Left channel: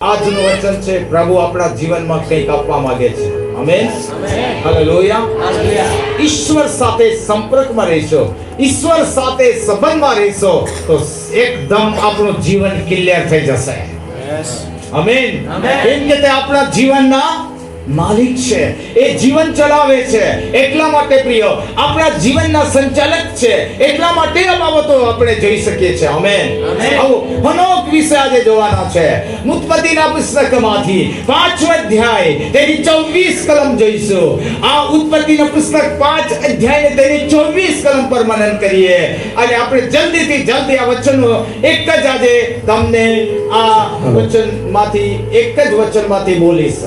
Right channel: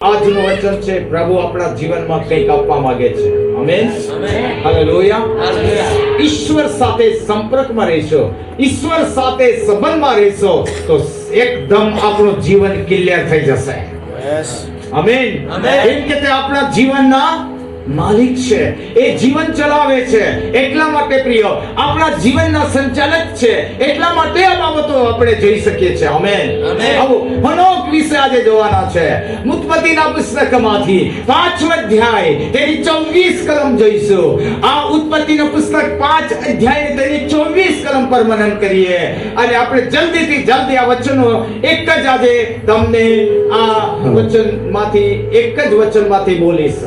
આજનું વચન છે પ્રભુ આપણા જીવનમાં કંઈક આપવા માંગે છે. આમેન. હાલેલુયા. ઈશ્વર સાથે સંપર્કમાં રહેશો, ઈશ્વર સાથે સંબંધમાં રહેશો તો એકદમ આપણું જીવન ક્લિયર થઈ જશે. આમેન. કેમ કે તે આપણા જીવનના માલિક છે, એ જીવન ચલાવે છે. એટલા માટે પ્રિય આપણા જીવનના સંચાલક છે. એટલા માટે આ બાબતો આપણે જોઈ શકીએ છીએ. આમેન. આવો હનોક વિશે આજે જોવાના છે. ઉત્પત્તિના પુસ્તકમાંથી 5મો અધ્યાય તેની 24 કલમ જોઈશું. આ ઉત્પત્તિનું પુસ્તક 5 અધ્યાય ને તેની 24 કલમ પર મનન કરીએ અને આપણે જલ્દી આ વચનો એક જ આજે તમને આ વચનમાંથી એક જ વચનમાંથી બોલીશ.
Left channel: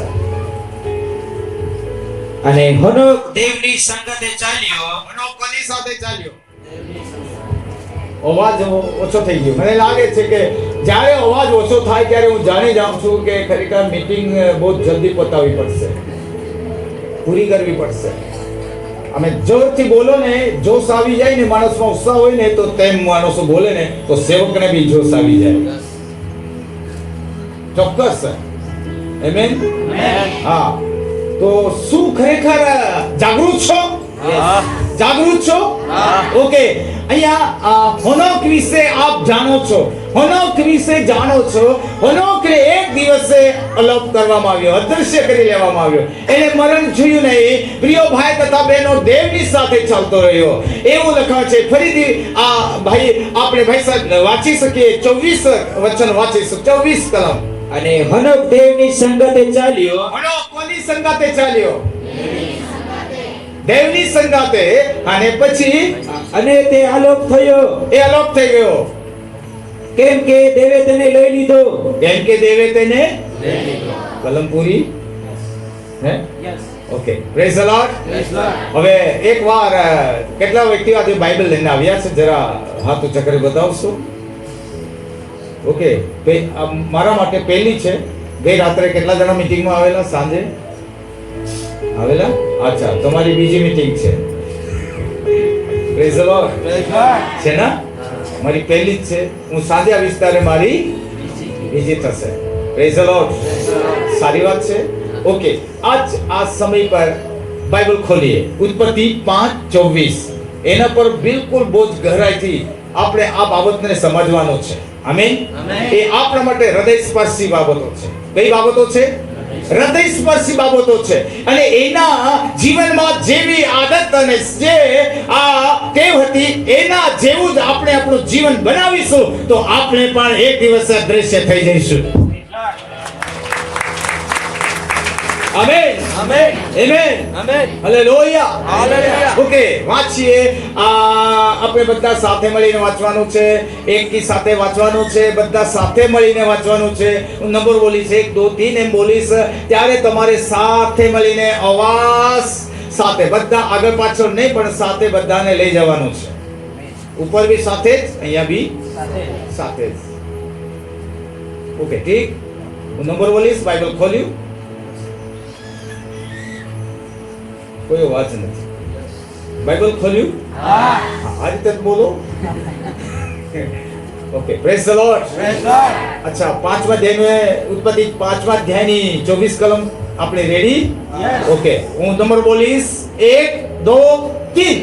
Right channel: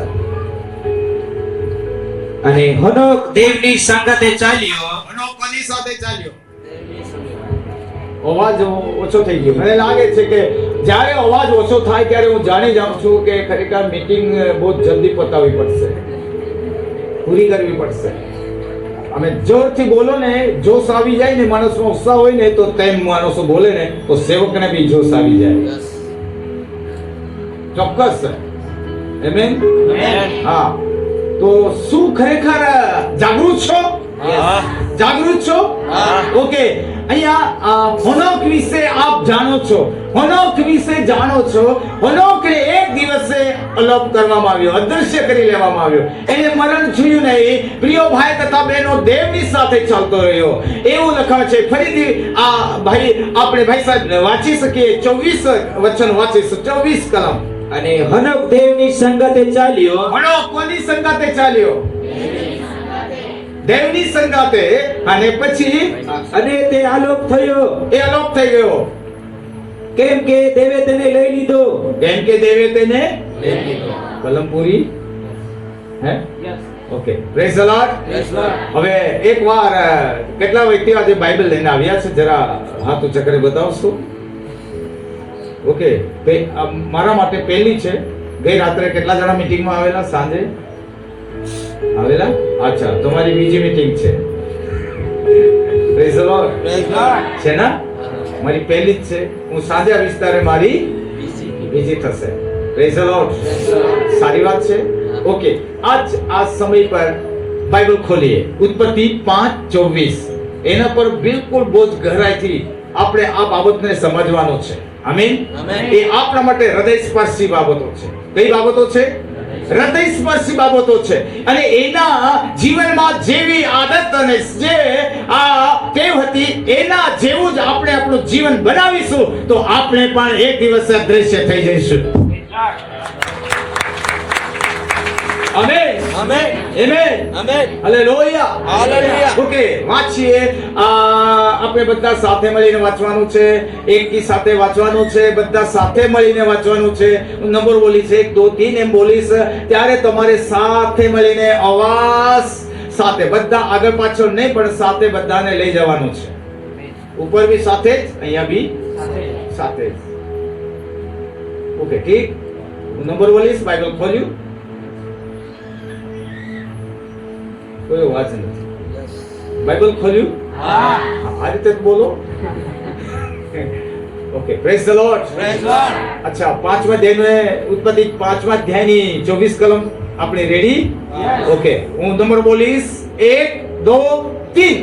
અને હનોક દેવની સંગતે ચાલ્યો. હનોક કોની સાથે ચાલ્યો? અવાજ ઓછો થઈ ગયો. મને લાગે છે કે જ્યારે અવાજ ઓછો થાય ત્યારે હું જાણી જાઉં છું કે ખરેખર મીટિંગ બહુ જલ્દી પતાવવી પડશે, પૂરી કરવી પડશે. અમે જોરથી બોલો ને, જોશ આવી જાય ને, માણસમાં ઉત્સાહ હોય ને તો તેમ માણસો બોલે ને તો સેવકને બી જોશ આવી જાય. ચોક્કસ. આમેન. હા, તો શું ખરેખર જાગૃત છો? જાગૃત છો? ઓકે. અહીંયા હનોક વિશે આપ જાણો છો, હનોક વિશે જાણો છો. હનોકને એક દિવસે અલોપ કરવામાં આવ્યો, અદૃશ્ય કરી લેવામાં આવ્યો. એને મરણ જોયું નહીં. પ્રિય ભાઈ તથા બહેનો, દેવની સાથે ચાલતો રહ્યો એવું લખાય છે. ફરીથી આ ભાઈ આપણે ભાઈ સાહેબ વાંચી શકીએ. 24 વચન વાંચીશું, 24 કલમ. અને હનોક દેવની સંગતે ચાલ્યો. હનોક કોની સંગાતે ચાલ્યો? દેવની સંગાતે. અને પછી અને તે આલોક થયો, એ અલોપ થઈ ગયો. કેમ કે દેવે તેને લઈ લીધો. કેમ કે દેવે તેને કલમ પૂરી. હે? ઓકે. Praise the lord. હવે એકવાર કેટલા વ્યક્તિઓ આજે બાઇબલ લઈને આવ્યા છે? જરા હાથ ઊંચા કરી બતાવશો? ઓકે. મારા માટે પહેલી છે. ગઈ રાત્રે કેટલા જણા મીટિંગમાં આવેલા? સાંજે આવેલા? અચ્છા, તમારી બીજી મીટિંગ છે. Praise the lord. છે ને? મારી પહેલી જ છે. હું સાંજે આવીશ ત્યારે મારી બીજી થશે. Praise the lord. સારી વાત છે. ઓકે. આ સમય પર બાઇબલ ખોલીએ. ઉત્પત્તિ 5:24. એના પર બિલકુલ બહુ જ ગહેરાઈથી આપણે આ બાબતને સમજવાનું છે. આમીન. એ આપણા માટે હૃદયસ્પર્શી બાબતો છે. કઈ બાબતો છે? હૃદયસ્પર્શી બાબતો છે. અને એના જીવનમાં જેવી આદત અને જે આ ટેવ હતી એના જેવું જ આપણે આપણું જીવન બનાવીશું તો આપણે પણ એક દિવસ અદ્રશ્ય થઈ જઈશું. Amen. Amen. Amen. Amen. Hallelujah. Hallelujah. Okay, વાંચીએ. આપણે બધા સાથે મળીને વાંચવાનું છે. એકી સાથે વાંચવાનું છે. બધા સાથે મળીને વાંચવાનું છે. હું નંબર બોલીશ 1 2 3 એમ બોલીશ ત્યારે તમારે સાથે મળીને અવાજ સાથે બધા આગળ પાછળ નહીં પણ સાથે બધાને લઈ જવાનું છે. ઉપર બી સાથે જ, અહીંયા બી સાથે જ. ઓકે, ઠીક. હું નંબર બોલીશ. બાઇબલ ખોલ્યું. કોઈ અવાજ નથી. બાઇબલ ખોલ્યું. આ રીતે જ બોલો. ઓકે. Praise the lord. અચ્છા, 5મા અધ્યાય ઉત્પત્તિ 5મા અધ્યાયની 24 કલમ આપણી રેડી? ઓકે. હું નંબર બોલીશ 1 2 3.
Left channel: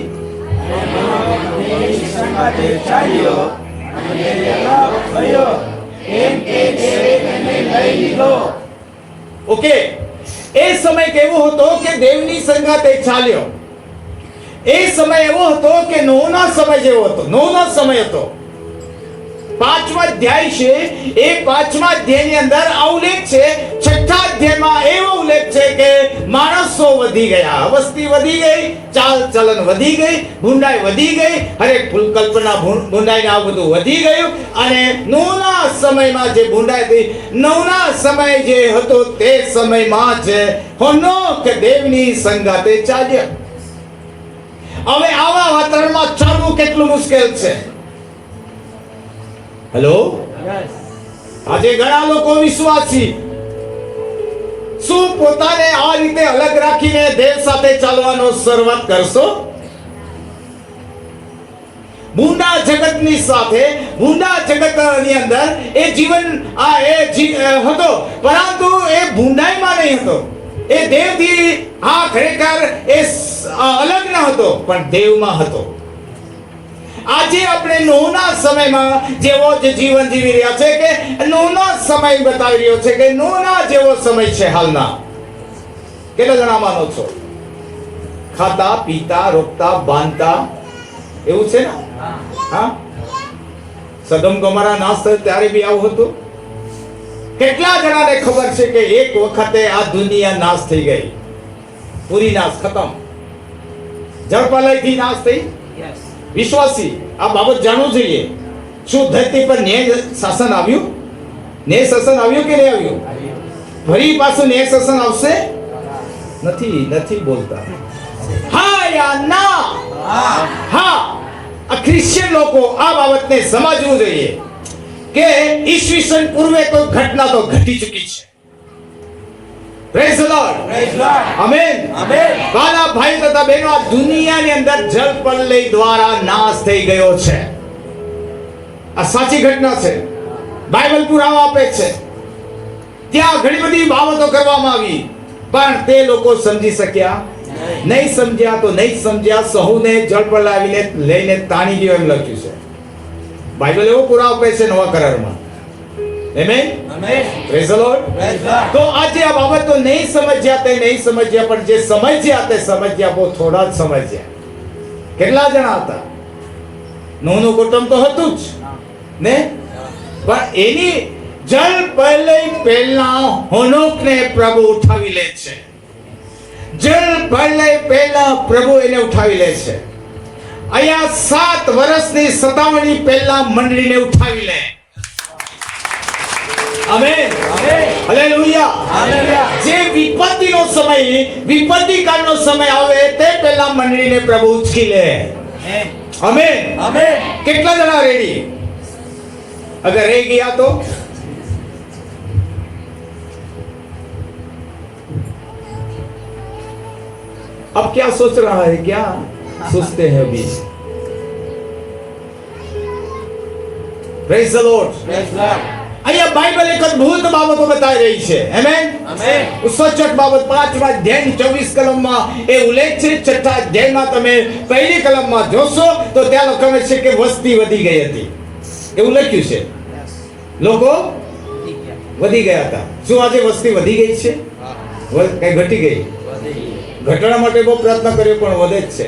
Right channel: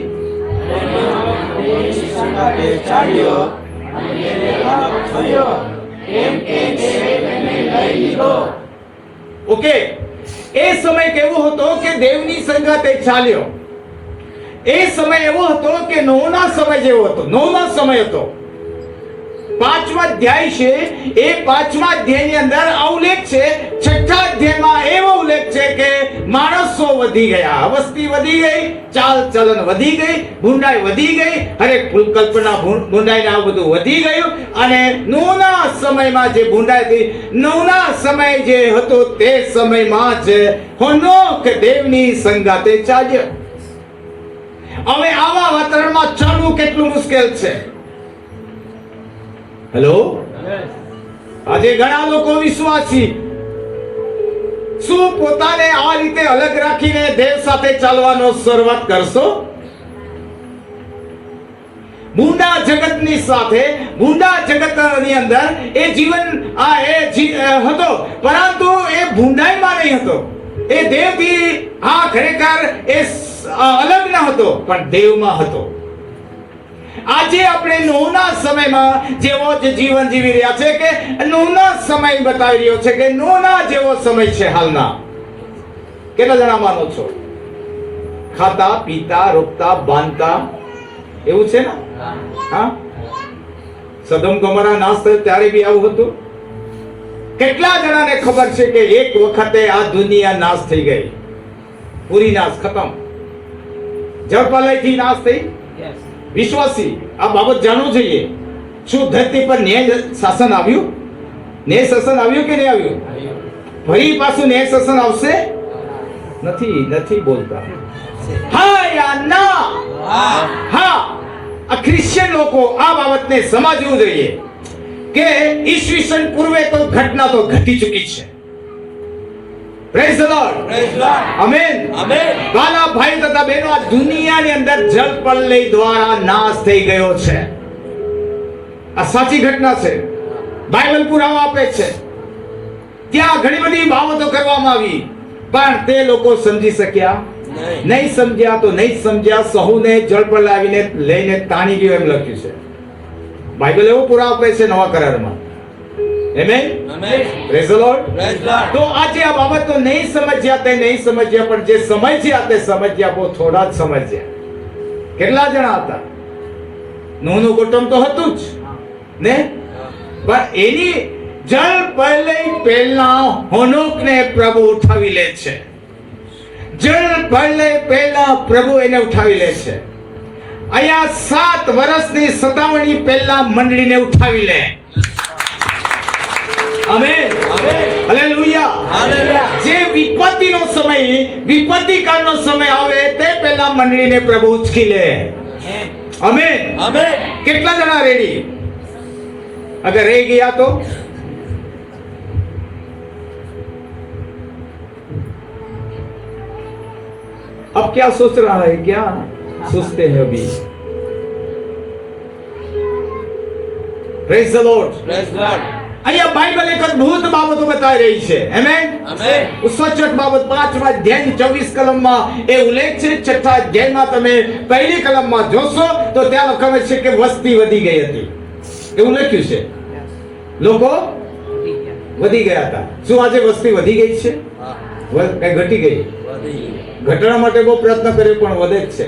ઓકે. એ સમય કેવો હતો કે દેવની સંગાતે ચાલ્યો. એ સમય એવો હતો કે નોહના સમય જેવો હતો. નોહનો સમય હતો. 5મા અધ્યાય છે. એ 5મા અધ્યાયની અંદર આ ઉલ્લેખ છે. 6થા અધ્યાયમાં એવો ઉલ્લેખ છે કે માણસો વધી ગયા, વસ્તી વધી ગઈ, ચાલ ચલન વધી ગઈ, ભૂંડાઈ વધી ગઈ, હરેક કલ્પના ભૂંડાઈ ને આ બધું વધી ગયું. અને નોહના સમયમાં જે ભૂંડાઈ હતી, નોહના સમય જે હતો તે સમયમાં જ હનોક દેવની સંગાતે ચાલ્યો. હવે આવા વાતાવરણમાં ચાલવું કેટલું મુશ્કેલ છે. હેલો. આજે ઘણા લોકો વિશ્વાસી શું પોતાને આ રીતે અલગ રાખીને દેવ સાથે ચાલવાનો શરૂઆત કરશો? ભૂંડા જગતની સાથે, ભૂંડા જગતની અંદર એ જીવન હતો, પરંતુ એ ભૂંડાઈમાં નહીં હતો. એ દેવથી ખરેખર એ અલગ ન હતો, પણ દેવમાં હતો. આજે આપણે નોહના સમયમાં જેવો જ જીવન જીવી રહ્યા છે, કે નોહના સમય બતાવી રહ્યો છે કે નોહના જેવો સમય છે હાલના. કેટલા જણા માનો છો? ખાતા પીતા રોકતા બાંધતા એવું છે ને? હા, સદમ ગોમોરા નાશ થયો ત્યારે બી આવું હતું. કેટલા જણાને ખબર છે કે એક વખતે આ દુનિયા નાશ થઈ ગઈ, પૂરી નાશ, ખતમ, જળપ્રલયથી નાશ થઈ? વિશ્વાસી આ બાબત જાણવું જોઈએ. શું ધરતી પર ન્યાય શાસન આવ્યું? ન્યાય શાસન આવ્યું કે નહીં આવ્યું? ફરી પાછું ન્યાય શાસન આવશે? નથી બોલતા. હા યા ના? હા, આ ક્રિશ્ચિયન લોકો આ બાબતને સમજવું જોઈએ કે ઈસવીસન પૂર્વે તો ઘટના તો ઘટી ચૂકી છે. Praise the lord. આમેન. વાલા ભાઈ તથા બહેનો, આ દુનિયાની અંદર જળપ્રલય દ્વારા નાશ થઈ ગયો છે. આ સાચી ઘટના છે. બાઇબલ પુરાવો આપે છે. ત્યાં ઘણી બધી બાબતો કરવામાં આવી, પણ તે લોકો સમજી શક્યા નહીં. સમજ્યા તો નહીં સમજ્યા, સહુને જળપ્રલય આવીને લઈને તાણી ગયો એમ લખ્યું છે. બાઇબલ એવો પુરાવો આપે છે નવા કરારમાં. આમેન. Praise the lord. તો આજે આ બાબતો નહીં સમજ્યા તે નહીં સમજ્યા, પણ જે સમજ્યા તે સમજ્યા, બહુ થોડા જ સમજ્યા. કેટલા જણા હતા? નોહનું કુટુંબ તો હતું જ ને, પણ એની જળપ્રલય પહેલા હનોકને પ્રભુ ઉઠાવી લે છે. જળપ્રલય પહેલા પ્રભુ એને ઉઠાવી લે છે. અહીંયા 7 વર્ષની સતાવણી પહેલા મંડળીને ઉઠાવી લે. આમેન. હાલેલુયા. જે વિપત્તિનો સમય, વિપત્તિ કાળનો સમય આવે તે પહેલા મંડળીને પ્રભુ ઉચકી લે. આમેન. કેટલા જણા રેડી? અગર રહી ગયા તો अब क्या सोच रहा है, क्या सोचते हैं अभी? Praise the Lord. અહીંયા બાઇબલ એક અદ્ભુત બાબતો બતાવી રહી છે. આમેન. સચોટ બાબત 5મા અધ્યાયની 24 કલમમાં એ ઉલ્લેખ છે. 6થા અધ્યાયમાં તમે પહેલી કલમમાં જોશો તો ત્યાં લખાયેલ છે કે વસ્તી વધી ગઈ હતી. એવું લખ્યું છે. લોકો વધી ગયા હતા. શું આજે વસ્તી વધી ગઈ છે? કઈ ઘટી ગઈ? ઘટવા માટે બહુ પ્રયત્ન કર્યો, પણ વધે જ છે.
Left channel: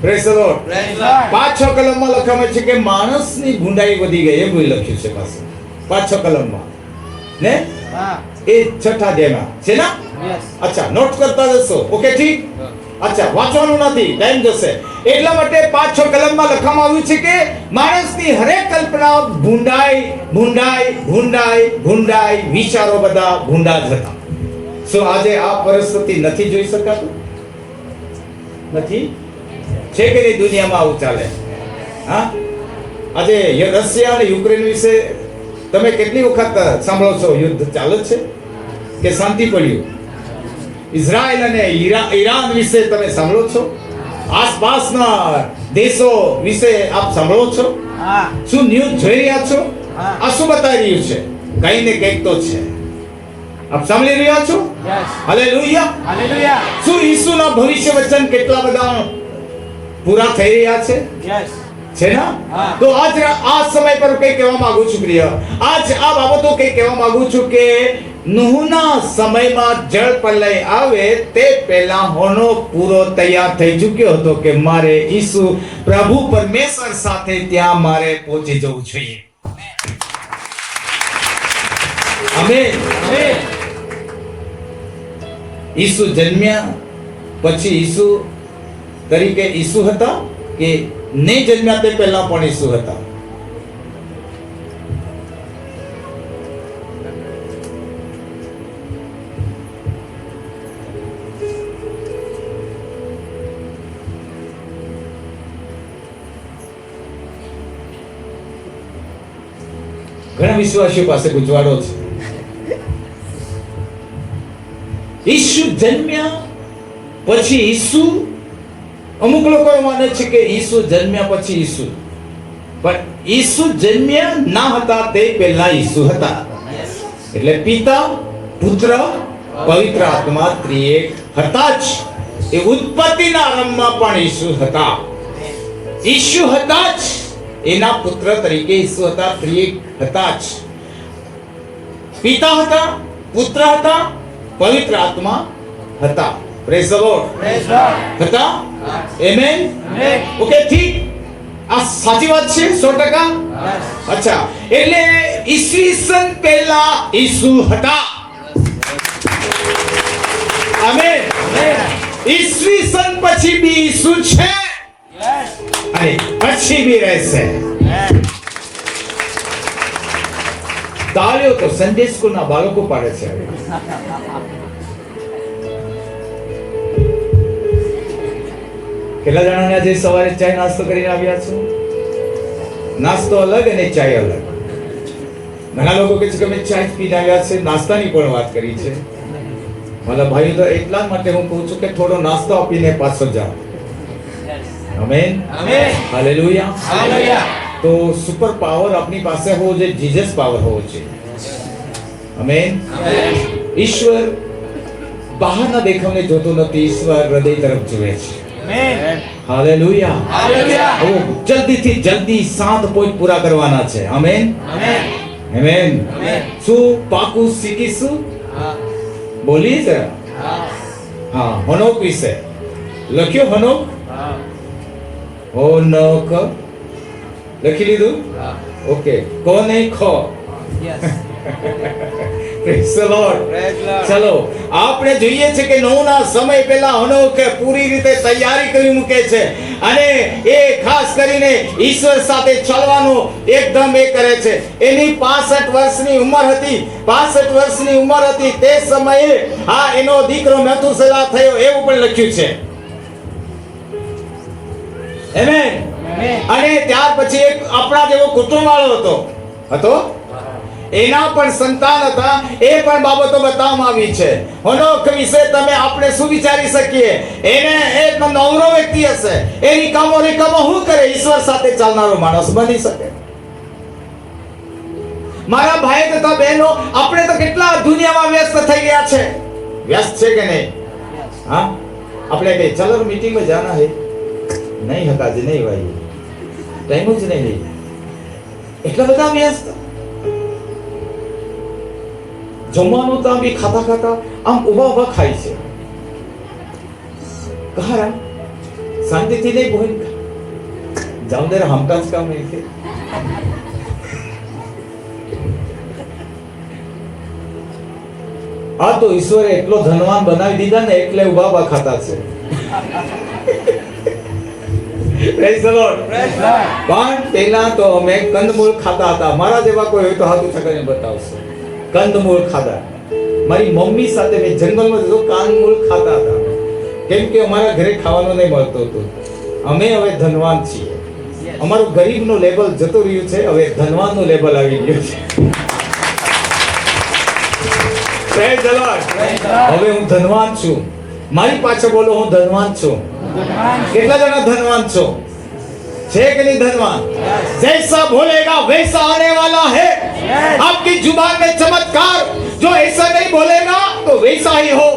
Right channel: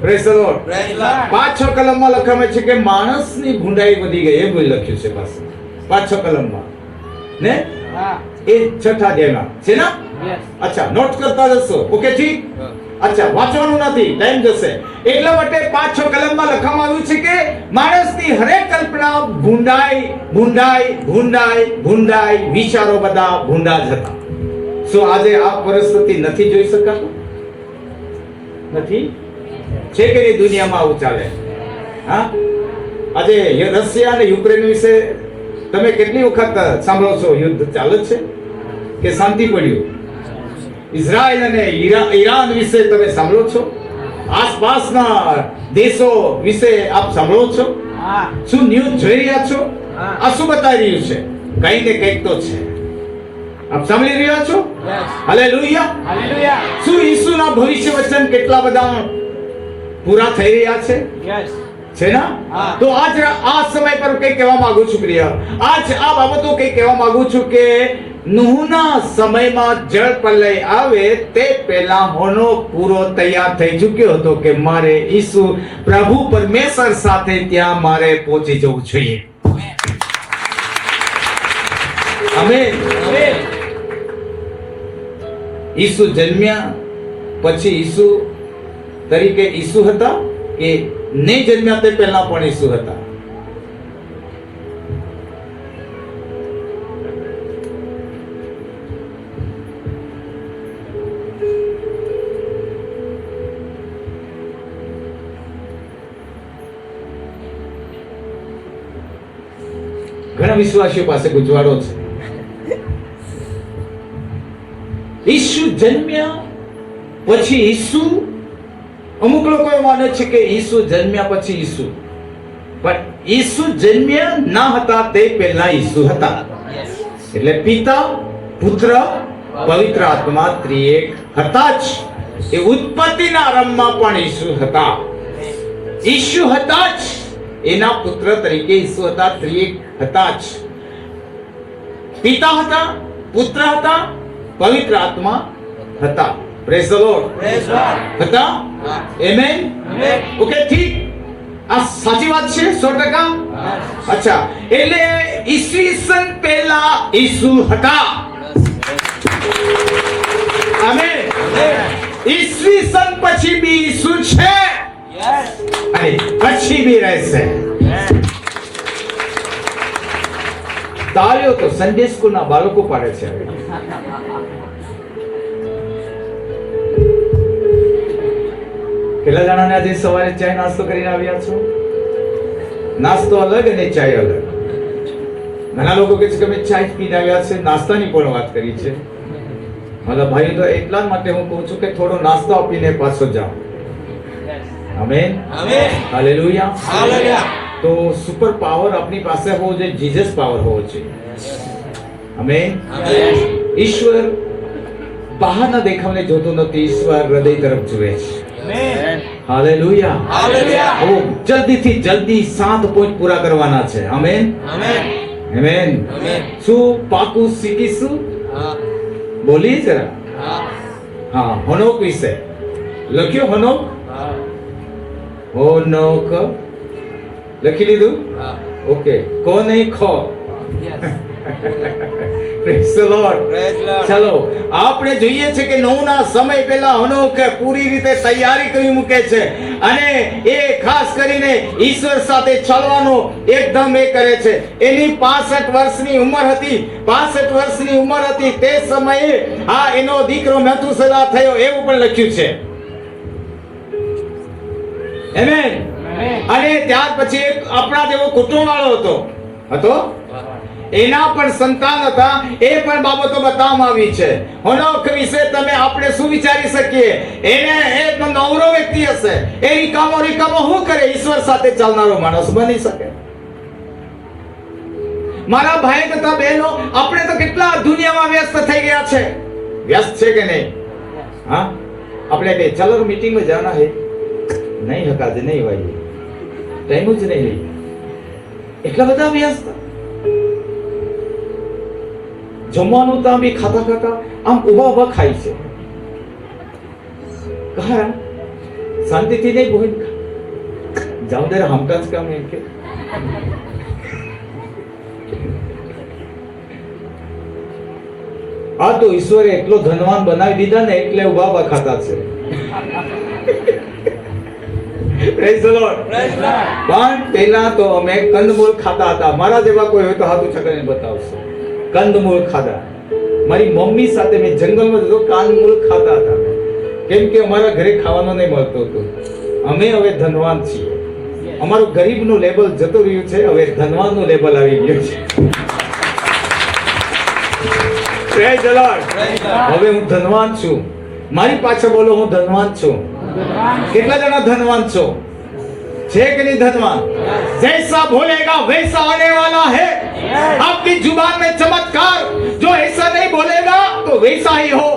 Praise the lord. 5-6 કલમમાં લખાયેલ છે કે માણસની ભૂંડાઈ વધી ગઈ, એવું લખ્યું છે પાછું 5-6 કલમમાં ને. એ 6થા અધ્યાયમાં છે ને? અચ્છા, નોટ કરતા જશો. ઓકે, ઠીક. અચ્છા, વાંચવાનું નથી, ટાઈમ જશે. એટલા માટે 5-6 કલમમાં લખવામાં આવ્યું છે કે માણસની હરેક કલ્પના ભૂંડાઈ, વિચારો બધા ભૂંડા જ હતા. શું આજે આ પરિસ્થિતિ નથી જોઈ શકાતું? નથી છે કે નહીં? દુનિયામાં આવું ચાલે. હા, આજે રશિયા અને યુક્રેન વિશે તમે કેટલી વખત સાંભળો છો? યુદ્ધ ચાલે છે કે શાંતિ પડ્યું? ઇઝરાયલ અને ઈરાન વિશે તમે સાંભળો છો? આસપાસના દેશો વિશે આપ સાંભળો છો? શું ન્યૂઝ જોઈ રહ્યા છો? આ શું બતાવી રહ્યું છે? કઈ ને કઈક તો છે. આપ સાંભળી રહ્યા છો? હાલેલુયા. શું ઈસુના ભવિષ્ય વચન કેટલા બધા પૂરા થઈ રહ્યા છે? છે ને? તો આજ આ સમય પર કઈ કહેવા માંગુ છું પ્રિય. આજ આ બાબતો કઈ કહેવા માંગુ છું કે નૂહના સમયમાં જળપ્રલય આવે તે પહેલા હનોક પૂરો તૈયાર થઈ ચૂક્યો હતો કે મારે ઈસુ પ્રભુ પરમેશ્વર સાથે ત્યાં મારે પહોંચી જવું જોઈએ. આમેન. ઈસુ જન્મ્યા પછી ઈસુ તરીકે ઈસુ હતા કે નહીં જન્મ્યા તે પહેલા પણ ઈસુ હતા? ઘણા વિશ્વાસીઓ પાસે ગુજવાડો છે. ઈસુ જન્મ્યા પછી ઈસુ, અમુક લોકો માને છે કે ઈસુ જન્મ્યા પછી ઈસુ. પણ ઈસુ જન્મ્યા ના હતા તે પહેલા ઈસુ હતા. એટલે પિતા, પુત્ર, પવિત્ર આત્મા ત્રિએક હતા જ. એ ઉત્પત્તિના આરંભમાં પણ ઈસુ હતા. ઈસુ હતા જ. એના પુત્ર તરીકે ઈસુ હતા, ત્રિએક હતા જ. પિતા હતા, પુત્ર હતા, પવિત્ર આત્મા હતા. Praise the lord. હતા? આમેન. ઓકે, ઠીક. આ સાચી વાત છે 100%? અચ્છા, એટલે ઈસવીસન પહેલા ઈસુ હતા. આમેન. ઈસવીસન પછી બી ઈસુ છે અને પછી બી રહેશે. તાળીઓ તો સન્ડે સ્કૂલના બાળકો પાડે છે. કેટલા જણાને આજે સવારે ચાય નાસ્તો કરીને આવ્યા છો? નાસ્તો અલગ અને ચાય અલગ. ઘણા લોકો કહે છે કે અમે ચાય પીને આવ્યા છે, નાસ્તાની પણ વાત કરી છે. મારા ભાઈઓ, તો એટલા જ માટે હું કહું છું કે થોડો નાસ્તો આપીને પાછો જાઓ. આમેન. હાલેલુયા. તો સુપર પાવર આપની પાસે હોવો જોઈએ, જીસસ પાવર હોવો જોઈએ. આમેન. ઈશ્વર બહારના દેખાવને જોતો નથી, ઈશ્વર હૃદય તરફ જુએ છે. હાલેલુયા. હવે જલ્દીથી જલ્દી 7 પોઈન્ટ પૂરા કરવાના છે. આમેન. આમેન. શું પાકું શીખીશું? બોલીએ જરા. હા, હનોક વિશે લખ્યો. હનોક. હનોક લખી લીધું? ઓકે. કોને ખો? Praise the lord. ચલો, આપણે જોઈએ છે કે નોહના સમય પહેલા હનોક પૂરી રીતે તૈયારી કરી મૂકે છે અને એ ખાસ કરીને ઈશ્વર સાથે ચાલવાનો એકદમ એ કરે છે. એની 65 વર્ષની ઉંમર હતી. 65 વર્ષની ઉંમર હતી તે સમયે આ એનો દીકરો મેથુસેલા થયો એવું પણ લખ્યું છે. આમેન. અને ત્યાર પછી એક આપણા જેવો કુટુંબ વાળો હતો. એના પણ સંતાન હતા. એ પણ બાબતો બતાવવામાં આવી છે. હનોક વિશે તમે આપણે શું વિચારી શકીએ? એને એક નવરો વ્યક્તિ હશે. એ રિકામો શું કરે? ઈશ્વર સાથે ચાલનારો માણસ બની શકે. મારા ભાઈ તથા બહેનો, આપણે તો કેટલા દુનિયામાં વ્યસ્ત થઈ ગયા છે. વ્યસ્ત છે કે નહીં? હા, આપણે કઈ ચાલો મીટિંગમાં જાના હે, નહીં હકાજે, નહીં ભાઈ, ટાઈમ જ નહીં. એટલા બધા વ્યસ્ત. જમવાનું તો આમ બી ખાતા આમ ઉભા ખાય છે. કહારા શાંતિથી નહીં બોલ. જાઉં દે, હમકા જ કામ નહીં છે. આ તો ઈશ્વરે એટલો ધનવાન બનાવી દીધા ને એટલે ઉભા ખાતા છે. Praise the lord. પણ પહેલા તો અમે કંદમૂળ ખાતા હતા. મારા જેવા કોઈ હોય તો હાથું ચકરીને બતાવશો. કંદમૂળ ખાધા. મારી મમ્મી સાથે મેં જંગલમાં જતો કંદમૂળ ખાતા હતા. કેમ કે અમારા ઘરે ખાવાનું નહીં મળતું હતું. અમે હવે ધનવાન છીએ. અમારું ગરીબનું લેબલ જતું રહ્યું છે, હવે ધનવાનનું લેબલ આવી ગયું છે. Praise the lord. હવે હું ધનવાન છું. મારી પાછળ બોલો, હું ધનવાન છું. કેટલા જણા ધનવાન છો? છે કે નહીં ધનવાન? જૈસા બોલેગા वैसा आने वाला है. आपकी जुबान में चमत्कार, जो ऐसा नहीं बोलेगा तो वैसा ही हो.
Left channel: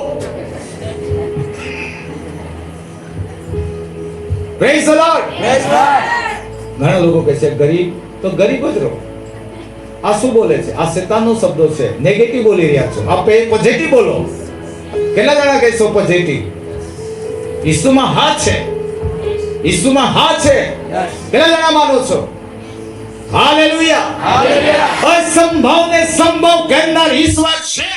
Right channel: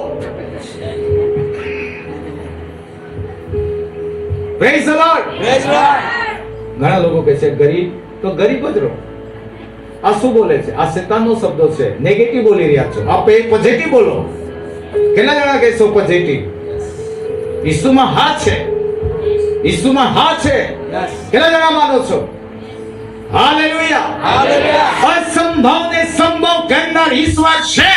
Praise the Lord. ઘણા લોકો કહે છે ગરીબ તો ગરીબ જ રહો. આ શું બોલે છે? આ શેતાનનો શબ્દો છે. નેગેટિવ બોલી રહ્યા છો. આપ પોઝિટિવ બોલો. કેટલા જણા કહેશો પોઝિટિવ? ઈસુમાં હા છે. ઈસુમાં હા છે. કેટલા જણા માનો છો? હાલેલુયા. અસંભવને સંભવ કરનાર ઈશ્વર છે.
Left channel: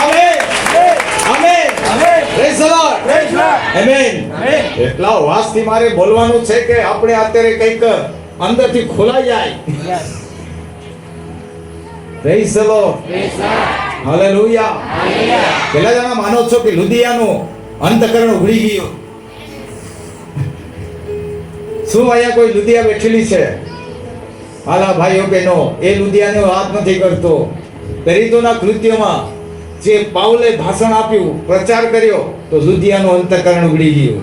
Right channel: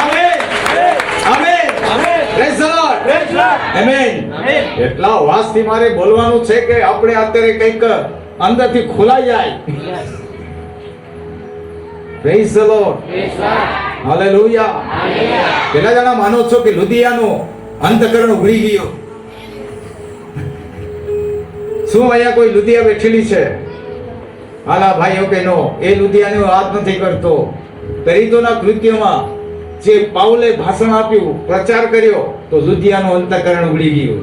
Amen. Amen. Praise the lord. Amen. એટલા વાસથી મારે બોલવાનું છે કે આપણે અત્યારે કંઈક અંદરથી ખોલાઈ જાય. Praise the lord. હાલેલુયા. કેટલા જણા માનો છો કે લુધિયાનું અંતકરણ ઉઘડી ગયું? શું અહીંયા કોઈ લુધિયા બેઠેલી છે? હાલા ભાઈઓ બહેનો, એ લુધિયાનો વાત નથી કરતો. પ્રેરિતોના કૃત્યોમાં જે પાઉલે ભાષણ આપ્યું, પ્રચાર કર્યો, તો લુધિયાનું અંતકરણ ઉઘડી ગયું.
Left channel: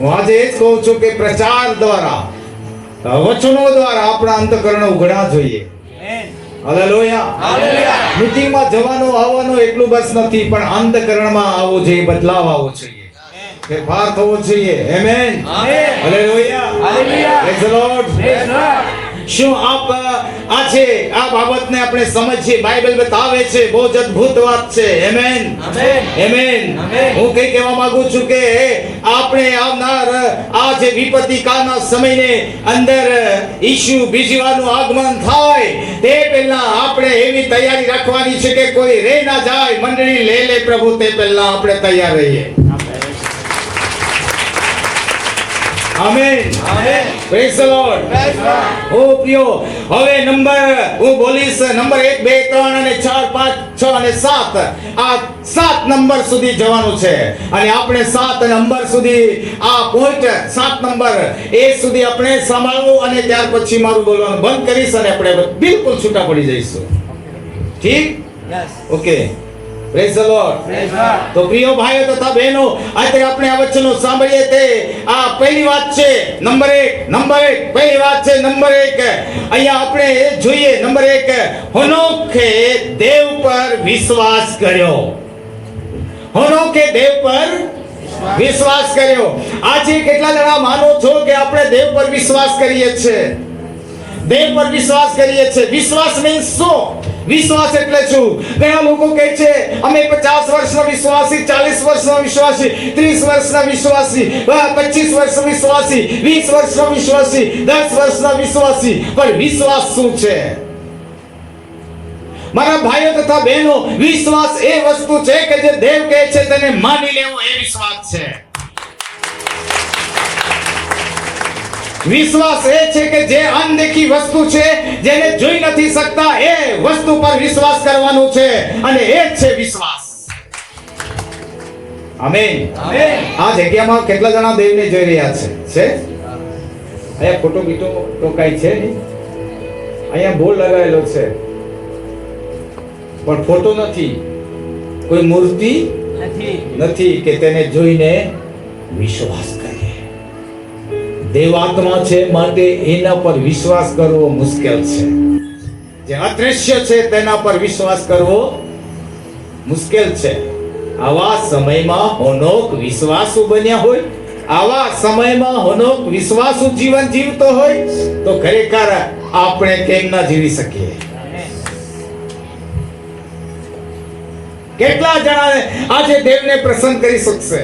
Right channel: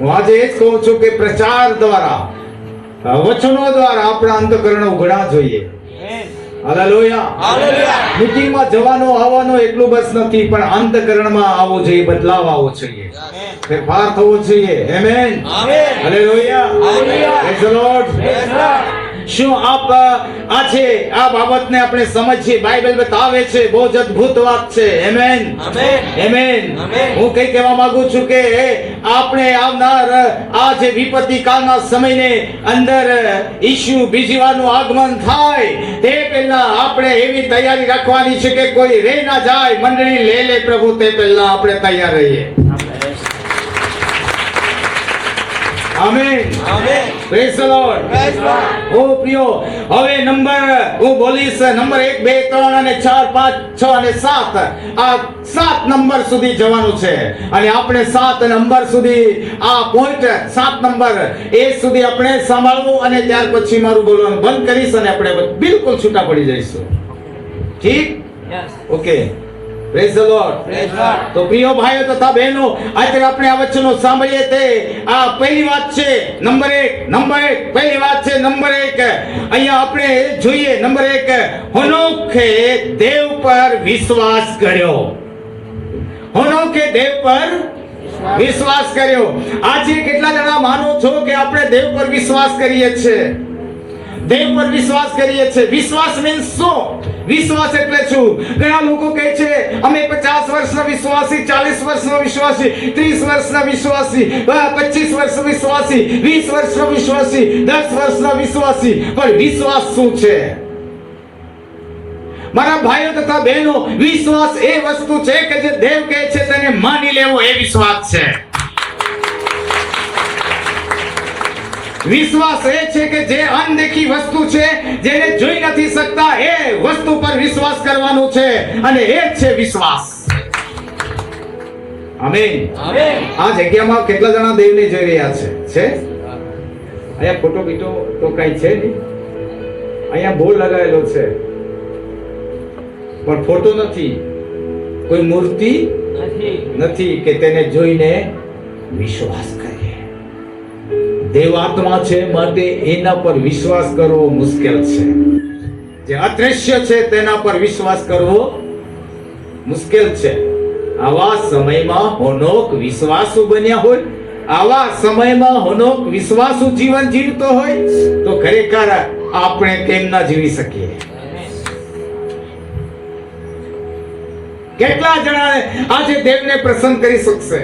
હું આજે એ જ કહું છું કે પ્રચાર દ્વારા વચનો દ્વારા આપણા અંતકરણ ઉઘડા જોઈએ. હાલેલુયા. મીટિંગમાં જવાનો આવવાનો એટલું બસ નથી, પણ અંતકરણમાં આવવું જોઈએ, બદલાવ આવવો જોઈએ, ફેરફાર થવો જોઈએ. Amen. Hallelujah. Praise the lord. શું આપ આજે આ બાબતને આપણે સમજીએ? બાઇબલ બતાવે છે, બહુ જ અદ્ભુત વાત છે. આમેન. આમેન. હું કઈ કહેવા માંગુ છું કે આપણે આવનાર આ જે વિપત્તિ કાળના સમયને અંદર ઈસુ બીજી વારનું આગમન થાય તે પહેલા આપણે એવી તૈયારી રાખવાની છે કે કોઈ રહી ના જાય, મંડળી લે લે પ્રભુ, તે પહેલા આપણે તૈયાર રહીએ. આમેન. Praise the lord. ઓ પ્રિયો, હવે નંબર હું બોલીશ, નંબર 1, 2, 3 અને 4, 5, 6 અને 7, આ 7 નંબર સુધી જવાનું છે. અને આપણે 7 નંબર સુધી આ પોઈન્ટ 7 નંબર એ સુધી આપણે સાંભળવું, અને ત્યાર પછી મારું બોલવાનું બંધ કરીશ અને આપણે બિલકુલ છૂટા પડી જઈશું. ઠીક? ઓકે. Praise the lord. તો પ્રિય ભાઈઓ તથા બહેનો, આજે આપણે આ વચનો સાંભળીએ તે આ પહેલી વાત છે. નંબર 1 પહેલી વાત છે. નંબર 1 અહીંયા આપણે જોઈએ. નંબર 1, હનોખે દેવ પર વિશ્વાસ કર્યો. હનોખે દેવ પર વિશ્વાસ કર્યો. આજે કેટલા જણા માનો છો કે આપણે દેવ પર વિશ્વાસ કરીએ છીએ? દેવ પર વિશ્વાસ કરીએ છીએ. વિશ્વાસ મીન્સ શું? વિશ્વાસ એટલે શું? ઘણા લોકો કહે છે અમે 50 વર્ષના વિશ્વાસી, 40 વર્ષના વિશ્વાસી, 30 વર્ષના વિશ્વાસી, 25 વર્ષના વિશ્વાસી, 20 વર્ષના વિશ્વાસી, 10 વર્ષના વિશ્વાસી. પણ વિશ્વાસ શું છે? મારા ભાઈઓ તથા બહેનો, વિશ્વાસ એ વસ્તુ છે કે જે દેવ કહે છે તેને માની લેવો, એ વિશ્વાસ છે. વિશ્વાસ એ છે કે જે અનદેખી વસ્તુ છે, જેને જોઈ નથી શકતા, એ વસ્તુ પર વિશ્વાસ કરવાનું છે, અને એ જ છે વિશ્વાસ. આમેન. આ જગ્યામાં કેટલા જણા દેવને જોઈ રહ્યા છે? અહીંયા ફોટો બીટો તો કઈ છે નહીં. અહીંયા બોર્ડ લગાવેલો છે, પણ ફોટો નથી, કોઈ મૂર્તિ નથી કે તેને જોઈને વિશ્વાસ કરે. દેવાત્મા છે, માટે એના પર વિશ્વાસ કરવો મુશ્કેલ છે. જે અદ્રશ્ય છે તેના પર વિશ્વાસ કરવો મુશ્કેલ છે. આવા સમયમાં હનોક વિશ્વાસુ બન્યા હોય, આવા સમયમાં હનોક વિશ્વાસુ જીવન જીવતો હોય, તો ખરેખર આપણે કેમ ના જીવી શકીએ? કેટલા જણા આજે દેવને પ્રસન્ન કરી શકશે?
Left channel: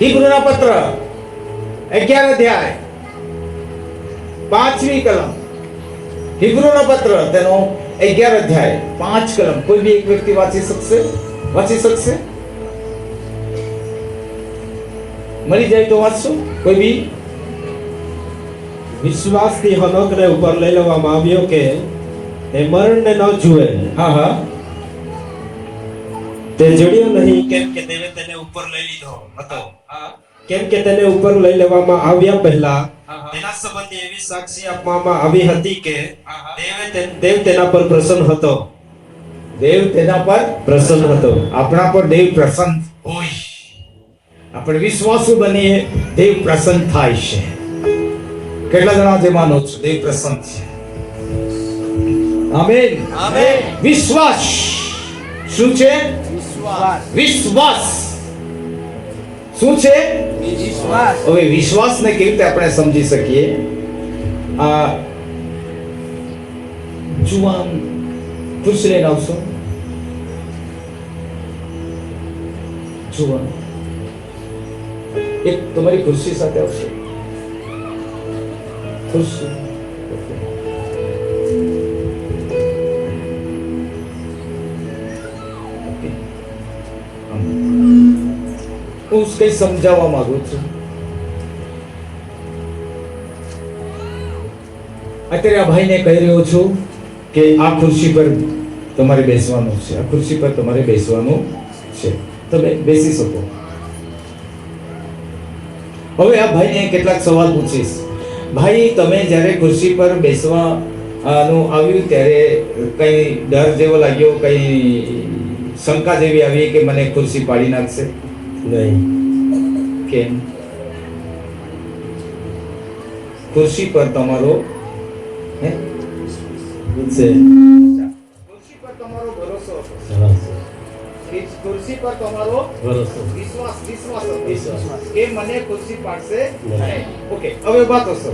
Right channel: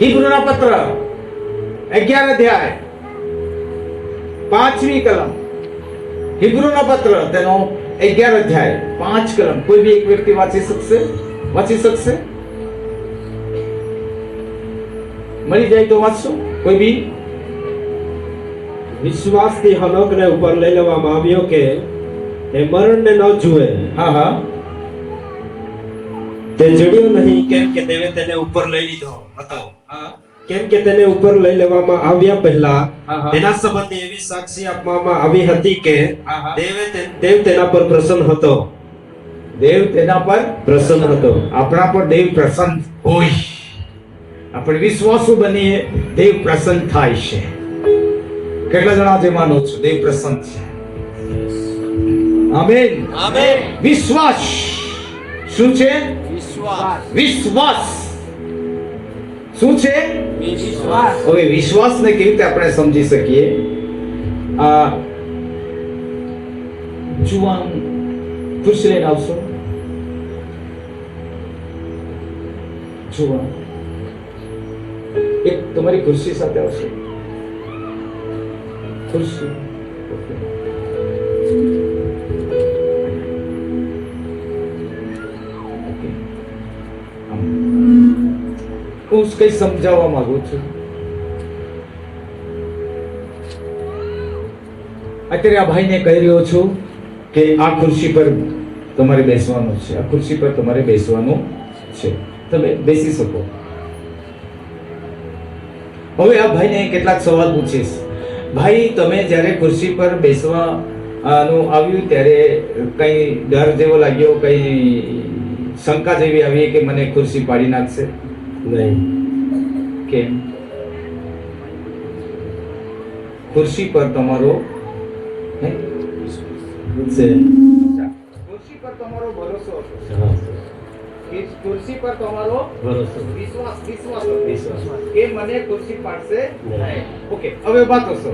હિબ્રુના પત્ર 11 અધ્યાય 5મી કલમ. હિબ્રુના પત્ર તેનો 11 અધ્યાય 5 કલમ. કોઈ બી એક વ્યક્તિ વાંચી શકશે? મળી જાય તો વાંચશો? કોઈ બી? વિશ્વાસથી હનોકને ઉપર લઈ લેવામાં આવ્યો કે એ મરણને ન જુએ. હા. તે જડ્યો નહીં, કેમ કે દેવે તેને ઉપર લઈ લીધો હતો. કેમ કે તેને ઉપર લઈ લેવામાં આવ્યા પહેલા તેના સંબંધી એવી સાક્ષી આપવામાં આવી હતી કે દેવ તેના પર પ્રસન્ન હતો. દેવ તેના પર પ્રસન્ન હતો. આપણા પર દેવ પ્રસન્ન હોય, આપણે વિશ્વાસુ બનીએ, દેવ પ્રસન્ન થાય છે. કેટલા જણા જે માનો છો દેવ પ્રસન્ન છે? આમેન. વિશ્વાસ શું છે? વિશ્વાસ શું છે? હવે વિશ્વાસને કેવી રીતે આપણે સમજી શકીએ? આ જુવાન ખુરશી લઈને આવશો? જુવાન એક તમારી ખુરશી સાથે આવશે. ખુરશી હું કઈ સમજાવવા માંગુ છું. અત્યારે આ ભાઈને કહી રહ્યો છું કે આ ખુરશી પર તમારે બેસવાનું છે, આ ખુરશી પર તમારે બેસવાનું છે, તમે બેસી શકો. હવે આ ભાઈને કેટલાક સવાલ પૂછીશ. ભાઈ, તમે જ્યારે ખુરશી પર બેસવાનું આવ્યું ત્યારે કઈ ડર જેવો લાગ્યો, કઈ શંકા જેવી આવી કે મને ખુરશી પાડી નાખશે? નહીં. કેમ? ખુરશી પર તમારો હે છે. ખુરશી પર તમારો ભરોસો હતો. હા, ખુરશી પર તમારો ભરોસો. વિશ્વાસ વિશ્વાસ. કે મને ખુરશી પાડશે નહીં. નહીં. ઓકે, હવે વાત થશો.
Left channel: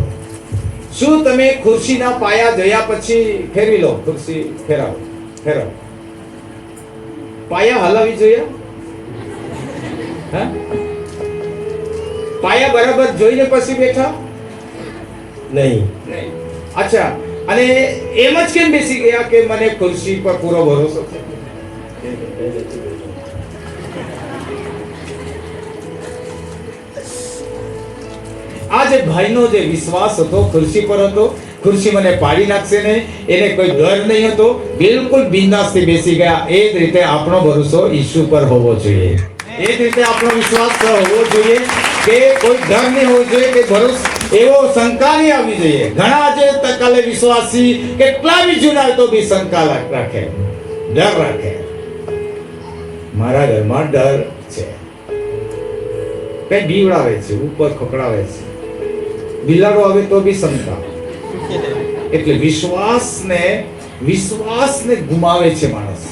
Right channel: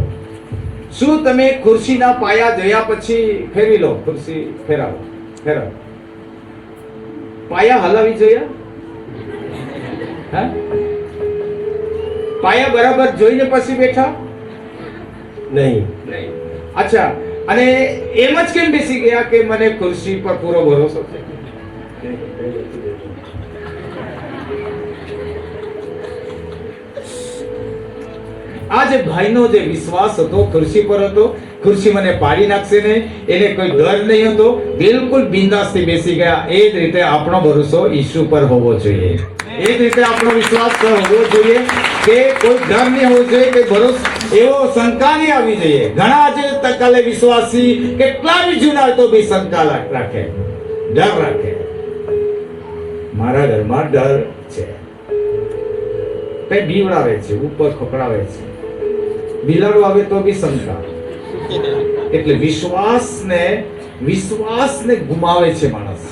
શું તમે ખુરશીના પાયા જોયા પછી ફેરવી લો? ખુરશી ફેરવો. પાયા હલાવી જોયા? હા, પાયા બરાબર જોઈને પછી બેઠા? નહીં. અચ્છા, અને એમ જ કેમ બેસી ગયા કે મને ખુરશી પર પૂરો ભરોસો છે? આ જે ભાઈનો જે વિશ્વાસ હતો ખુરશી પર હતો, ખુરશી મને પાડી નાખશે નહીં, એને કોઈ ડર નહીં હતો, બિલકુલ બિંદાસથી બેસી ગયા. એ જ રીતે આપણો ભરોસો ઈસુ પર હોવો જોઈએ. એ જ રીતે આપણો વિશ્વાસ હોવો જોઈએ કે કોઈ ડર નહીં હોવો જોઈએ, કે ભરોસો એવો શંકા નહીં આવવી જોઈએ. ઘણા જે તકાલે વિશ્વાસી કેટલા બી જૂના હોય તો બી શંકા રાખે, ડર રાખે. મારા ઘરમાં ડર છે, કઈ બીવડાવે છે, ઉપર ખોખડાવે છે, બિલાડો આવે તો બી શંકા. એટલે વિશ્વાસને ગુમાવે છે માણસ.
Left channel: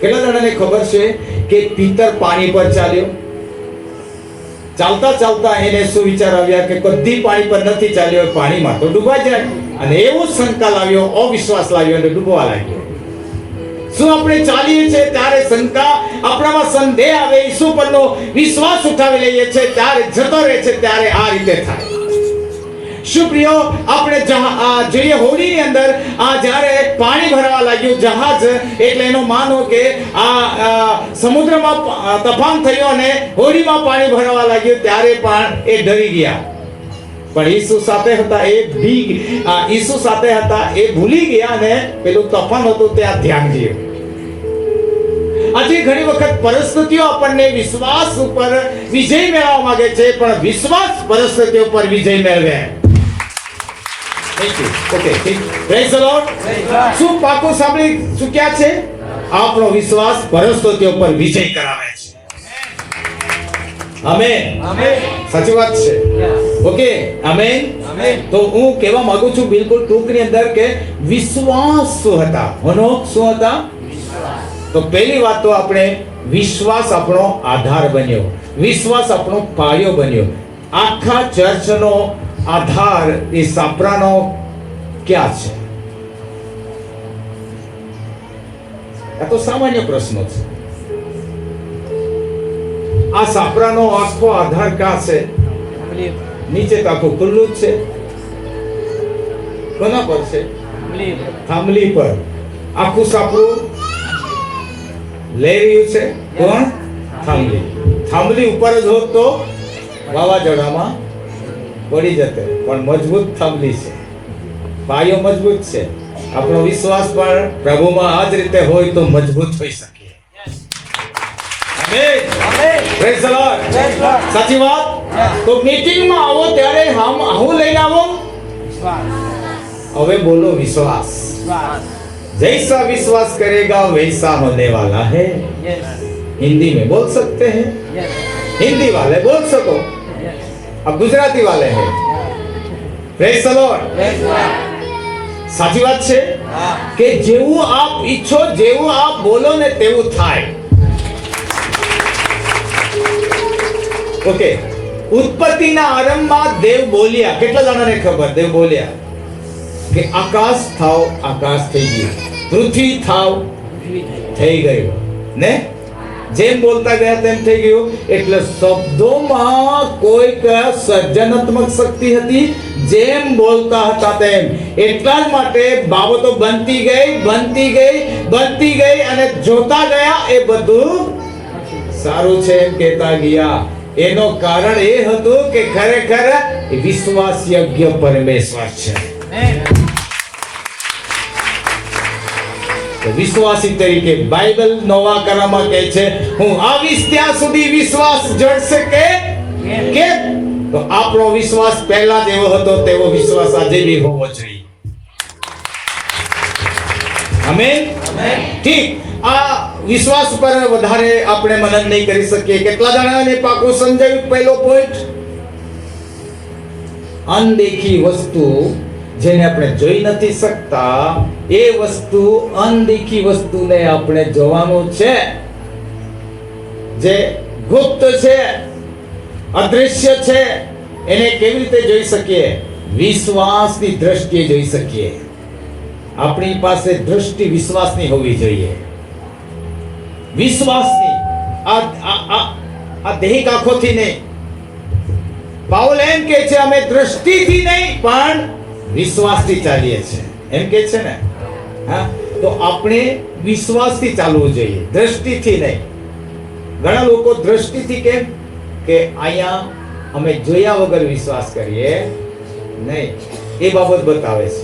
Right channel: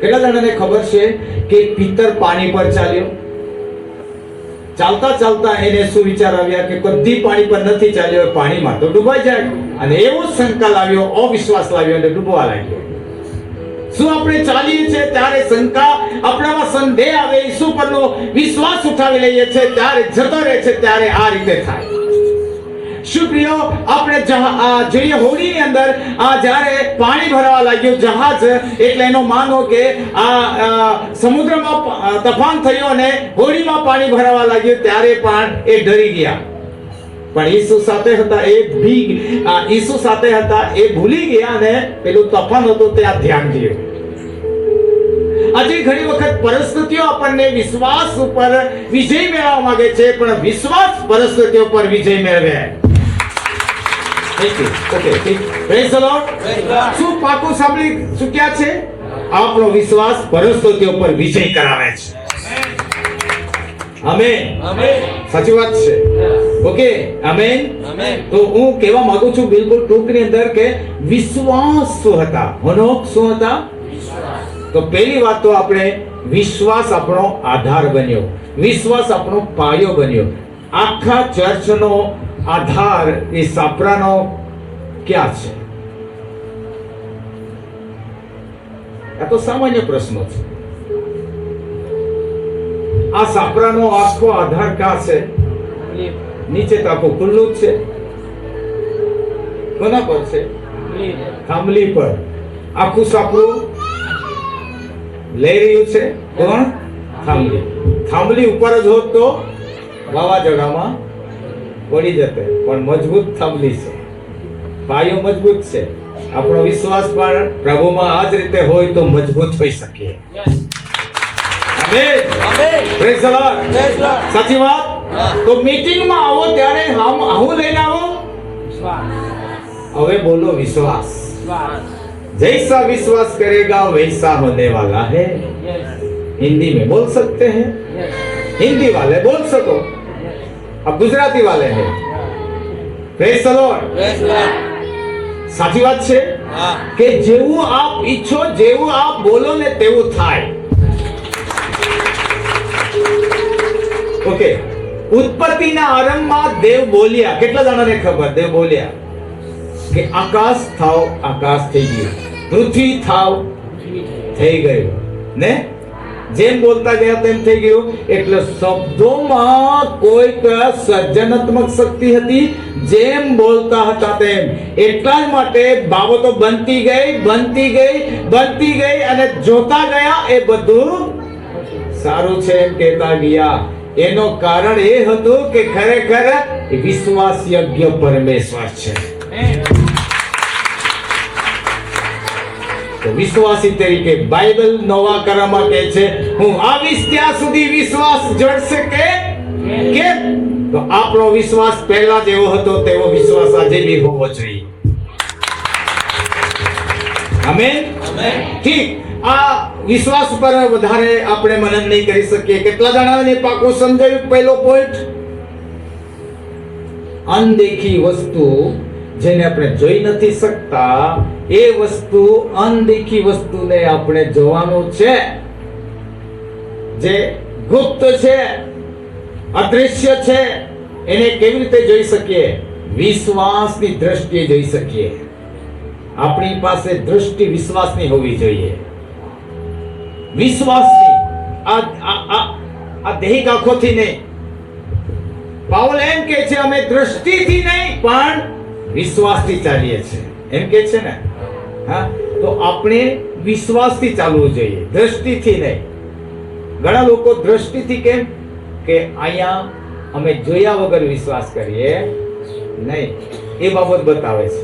કેટલા જણાને ખબર છે કે પિતર પાણી પર ચાલ્યો? ચાલતા ચાલતા એને શું વિચાર આવ્યા કે કદી પાણી પર નથી ચાલ્યો, પાણીમાં તો ડૂબાઈ જાય. અને એવો શંકા લાવ્યો, અવિશ્વાસ લાવ્યો અને ડૂબવા લાગ્યો. શું આપણે ચાલીએ છીએ ત્યારે શંકા, આપણામાં સંદેહ આવે, ઈસુ પરનો વિશ્વાસ ઉઠાવી લઈએ છીએ ત્યારે જતો રહે છે, ત્યારે આ રીતે થાય. શું પ્રિયો, આપણે જોઈએ હોડીની અંદર જ્યારે પાણી ભરવા લાગ્યું જહાજ, એટલે એનો માનો કે સમુદ્રમાં તોફાન થયું અને હોડીમાં પાણી ભરવા લાગ્યું ત્યારે પણ એ ડરી ગયા. પણ ઈસુ સાથે હતા, ઈસુ સાથે હતા, એ ભૂલી ગયા અને પેલું તોફાન હતું ત્યાં ધ્યાન ગયું. આજે ઘણી વખત પરિસ્થિતિઓ આપણને વિશ્વાસ ઉપર વિજય મેળવવા માંગે છે, પણ વિશ્વાસ પરિસ્થિતિઓ પર વિજય મેળવે. ઓકે, ઠીક. Praise the lord. શું પાકું સાંભળી ચૂક્યા છે? આપણો વિશ્વાસ પરિસ્થિતિઓ પર વિજય કરાવે છે. આમેન. સાચી વાત છે. Okay, amen. તો હું કહેવા માંગુ છું બિલકુલ ટૂંકની અંદર કે વિશ્વાસ શું હતા, હનોક શું હતા? તો પહેલી વાત તો આપણે વિશ્વાસ આપણો આધાર બન્યો, વિશ્વાસ આપણો પાયો બન્યો. આખા ચર્ચનો આધાર એ સાપરાનો ક્યાં છે? આ તો સામાન્ય પ્રશ્નો છે. આ સાપરાનો આખો આધાર ક્યાં છે? નીચે તો આખું ખુલ્લું જ છે. કોના પર છે? થાંભલી પર. આખું સાપરું લઈ રહ્યું છે કોણ? થાંભલી. થાંભલી ઉપર જ હોત તો વાવાઝોડામાં પડી જતે, પણ મજબૂત થાંભલી છે, પાયો મજબૂત છે. આપણો વિશ્વાસ પણ પ્રભુમાં આ જ રીતે હોય તો મજબૂત હોઈ શકીએ. Praise the lord. સાચી વાત. તો મીટિંગમાં આવો ત્યારે આવું લઈને આવો. હવે બોલો વિશ્વાસ. जैसा विश्वास करेगा वैसा होने वाला है. हिंदी में बोल सकते हैं? हिंदी वाले बोल सको, अब गुजराती वाले हैं. Praise the Lord. સાચી વાત છે કે જેવું આપ ઈચ્છો, જેવું આપ બોલો ને તેવું થાય. ઓકે, ઉત્પત્તિના આરંભમાં દેવ બોલ્યા. કેટલા જણાને ખબર? દેવ બોલ્યા કે આકાશ થાવ, આકાશ થઈ ગયું, પૃથ્વી થાવ, થઈ ગયું ને. જેમ બોલતા ગયા તેમ થઈ ગયું. એટલે શબ્દોમાં કોઈક સર્જનાત્મક શક્તિ હતી. જેમ બોલતા હતા તેમ, એટલા જ માટે બાબતો બનતી ગઈ અને જોતા ગયા એ બધું સારું છે એમ કહેતા ગયા. એનો કારણ એ હતું કે ખરેખર વિશ્વાસ યોગ્ય પરમેશ્વર છે. વિશ્વાસી તરીકે બાઇબલ નવા કરારમાં કહે છે, હું આવીશ ત્યાં સુધી વિશ્વાસ જળશે કે તો આપણો વિશ્વાસ પહેલા જેવો હતો તેવો વિશ્વાસ આજે બી હોવો જોઈએ. આમેન. ઠીક. આ વિશ્વાસ પર વધારે આપણે મનન નહીં કરી શકીએ. કેટલા જણાને પાકું સમજાયું? પહેલો પોઈન્ટ અનદેખી વસ્તુ જેને આપણે જોઈ નથી શકતા, એ વસ્તુ અનદેખી વસ્તુને આપણે જોવાનું છે. જે ગુપ્ત છે, અદૃશ્ય છે, એને કેવી રીતે જોઈ શકીએ? વિશ્વાસની દ્રષ્ટિએ જોઈ શકીએ. આપણી પાસે દૃષ્ટિ વિશ્વાસની હોવી જોઈએ. વિશ્વાસની, આ દેહિક આંખોથી નહીં. પાઉલ એમ કહે છે અમે દ્રષ્ટિથી નહીં પણ વિશ્વાસથી ચાલીએ છીએ, એમ કહે છે ને. હા, તો આપણે વિશ્વાસથી ચાલવું જોઈએ, દ્રષ્ટિથી નહીં. ઘણા લોકો દ્રષ્ટિથી કેમ કે અહીંયા અમે જોયા વગર વિશ્વાસ કરીએ નહીં, એ બાબત બતાવે છે.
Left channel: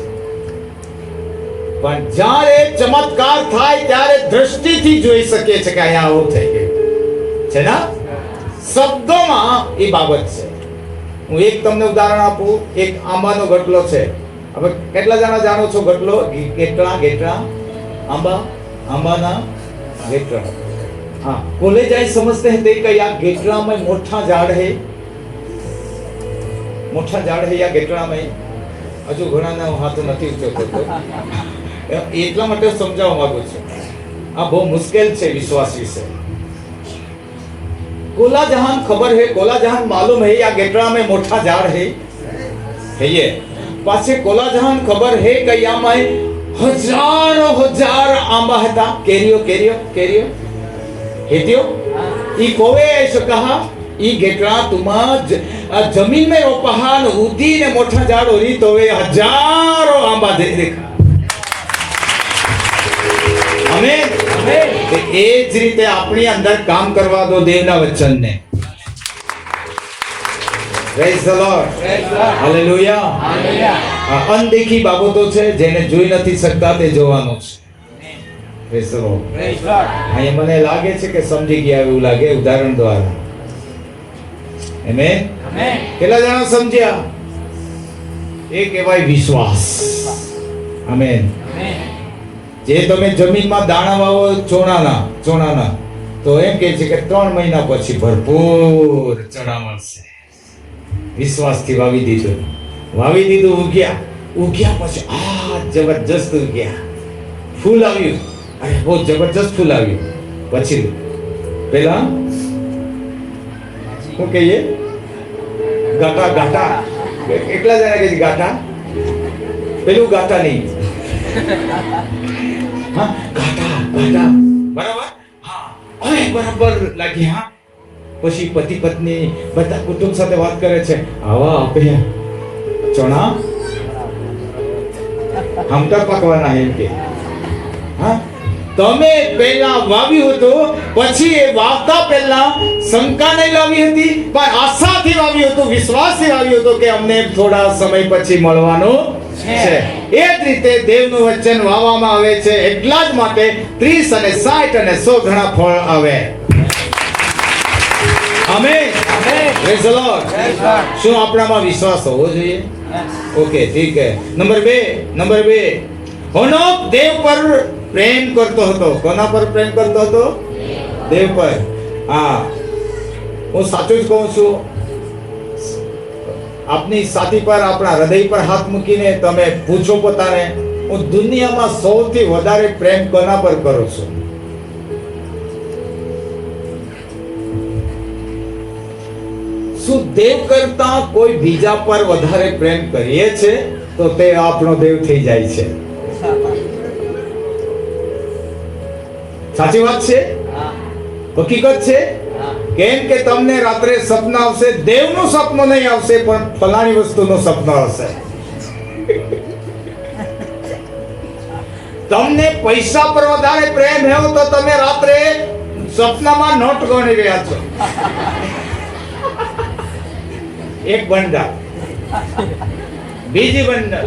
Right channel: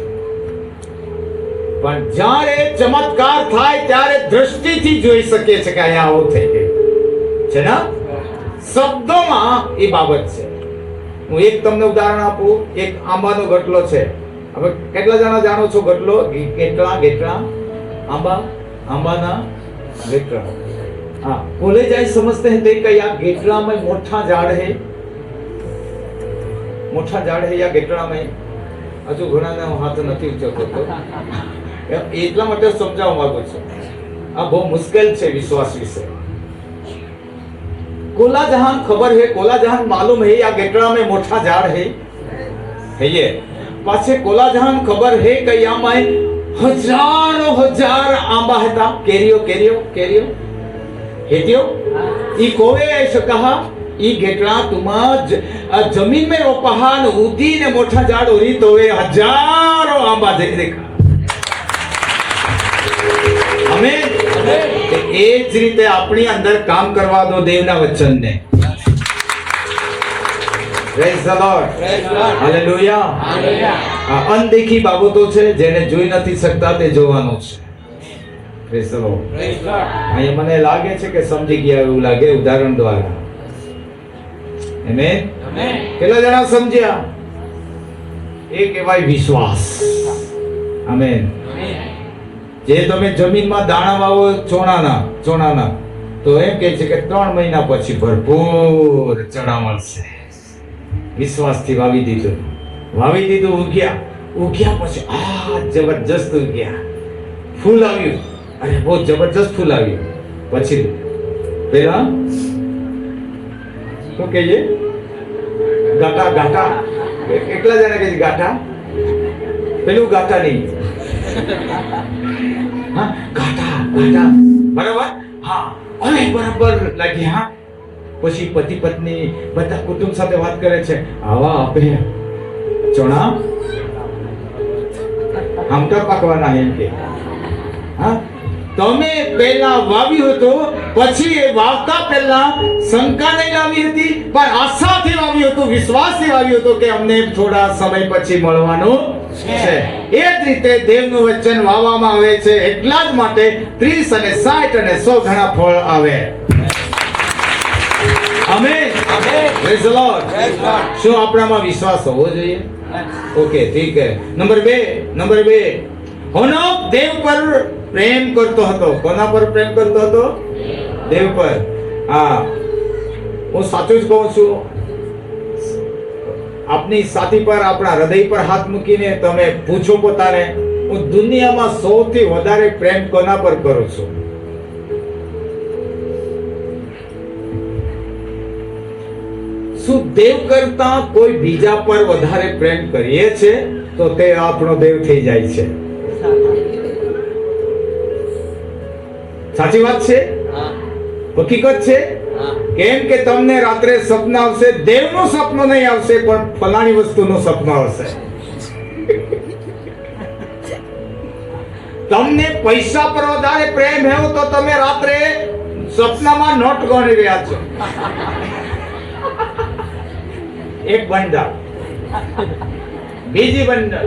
પણ જ્યારે ચમત્કાર થાય ત્યારે દ્રષ્ટિથી જોઈ શકીએ છે કે અહીંયા આવું થઈ ગયું છે ને. શબ્દોમાં એ બાબત છે. હું એક તમને ઉદાહરણ આપું. એક આંબાનો ગટલો છે. હવે કેટલા જણા જાણો છો ગટલો? ગેટડા આંબાના ગેટડા. हाँ, कॉलेज आई समझते हैं कि या गेटड़ा में मोटा झाड़ है या गेटड़ा में हजू घणाने हाथ નથી ઊંચો કરતો, એટલા માટે સમજાવવા માંગુ છું. આ બહુ મુશ્કેલ છે વિશ્વાસ વિશે. कोला जहान खबर है, कोला जहान मालूम है या गेटड़ा में मोटा झाड़ है ये पाछे कोला जहान खबर है कि यहाँ में हजारों हजार आंबा હતા, કેરીઓ हेतियो ई कोवे ऐसे कहा ई गेटड़ा तुमा जमीन में रोपहा न उदी ने मोटा झाड़ होरी तो वे हजारों आंबा देखा. हमें ए જ રીતે આપણી અંદર કામ કરવા દો દેવના વચનને. Praise the lord, hallelujah. આ અનદેખી બાબતો છે જેને જોઈ નથી શકતા તે જોવાનું છે. Praise the lord. અહીંયા મને લાગે છે કે સમજી ગયા એવું લાગે ઉદાહરણ દ્વારા. આમેન. કેટલા જણા સમજ્યા? એ કહેવાય વિશ્વાસ. આમેન. જે તમે જમીનમાં દાણા વાવો ચોણાના તો એમ કહે છે કે 3 મહિના પછી ભરપૂર ચણા મળશે. વિશ્વાસથી વાવી દીધું, ઉગ્યા પછી જબરજસ્ત ઉગ્યા, ફૂલ આવ્યું, અરે બહુ જબરજસ્ત ફૂલ આવ્યું. પછી પેલા શું કહીએ? ગાટા એકલા જણા કહે ગાટા, પેલું ગાટા નહીં. હા, ગાટા બરાબર. હા, અરે બરાબર લાગી. હા, પછી પતિ પત્ની બધા કુટુંબ સાથે વાત કરે છે, આવા આપે ચણા હમતા પાકવાના એમ કે. હા, તમે પહેલા વાવ્યું હતું, પછી એ વાવતા પહેલા શંકા નહીં લાવી હતી પણ આશાથી વાવ્યું હતું, વિશ્વાસથી વાવ્યું હતું કે અમને થોડા સમય પછી મળવાનું છે. એ જ રીતે દેવનું વચન વાવવામાં આવે છે, એટલા જ માટે 30 અને 60 અને 100 ઘણા ફળ આવે. આમેન. Praise the lord. શું આપણામાં વિશ્વાસ હોવો જોઈએ? ઓકે, ઠીક છે. નંબર 2 હનોક દેવ પર પ્રેમ કરતો હતો. કોના પર પ્રેમ કરતો હતો? દેવ પર. હા, હું સાચું જ કહું છું. આપની સાથી પર, આપણા હૃદય પર હાથ મૂકીને તમે પૂછો પોતાને, હું દુનિયામાં સૌથી વધારે પ્રેમ કોના પર કરું છું? શું દેવ કરતા કોઈ બીજા પર વધારે પ્રેમ કરીએ છે તો તે આપણો દેવ થઈ જાય છે. સાચી વાત છે, હકીકત છે. કેમ કે તમને રાત્રે સપન આવશે, દેવનું સપનું નહીં આવશે પણ ફલાણી વસ્તુનું સપનું આવશે. તમને પૈસા પર વધારે પ્રેમ હોય તો તમે રાત્રે સપનામાં નોટ ગણી રહ્યા છો. એક બંડલ, બીજી બંડલ,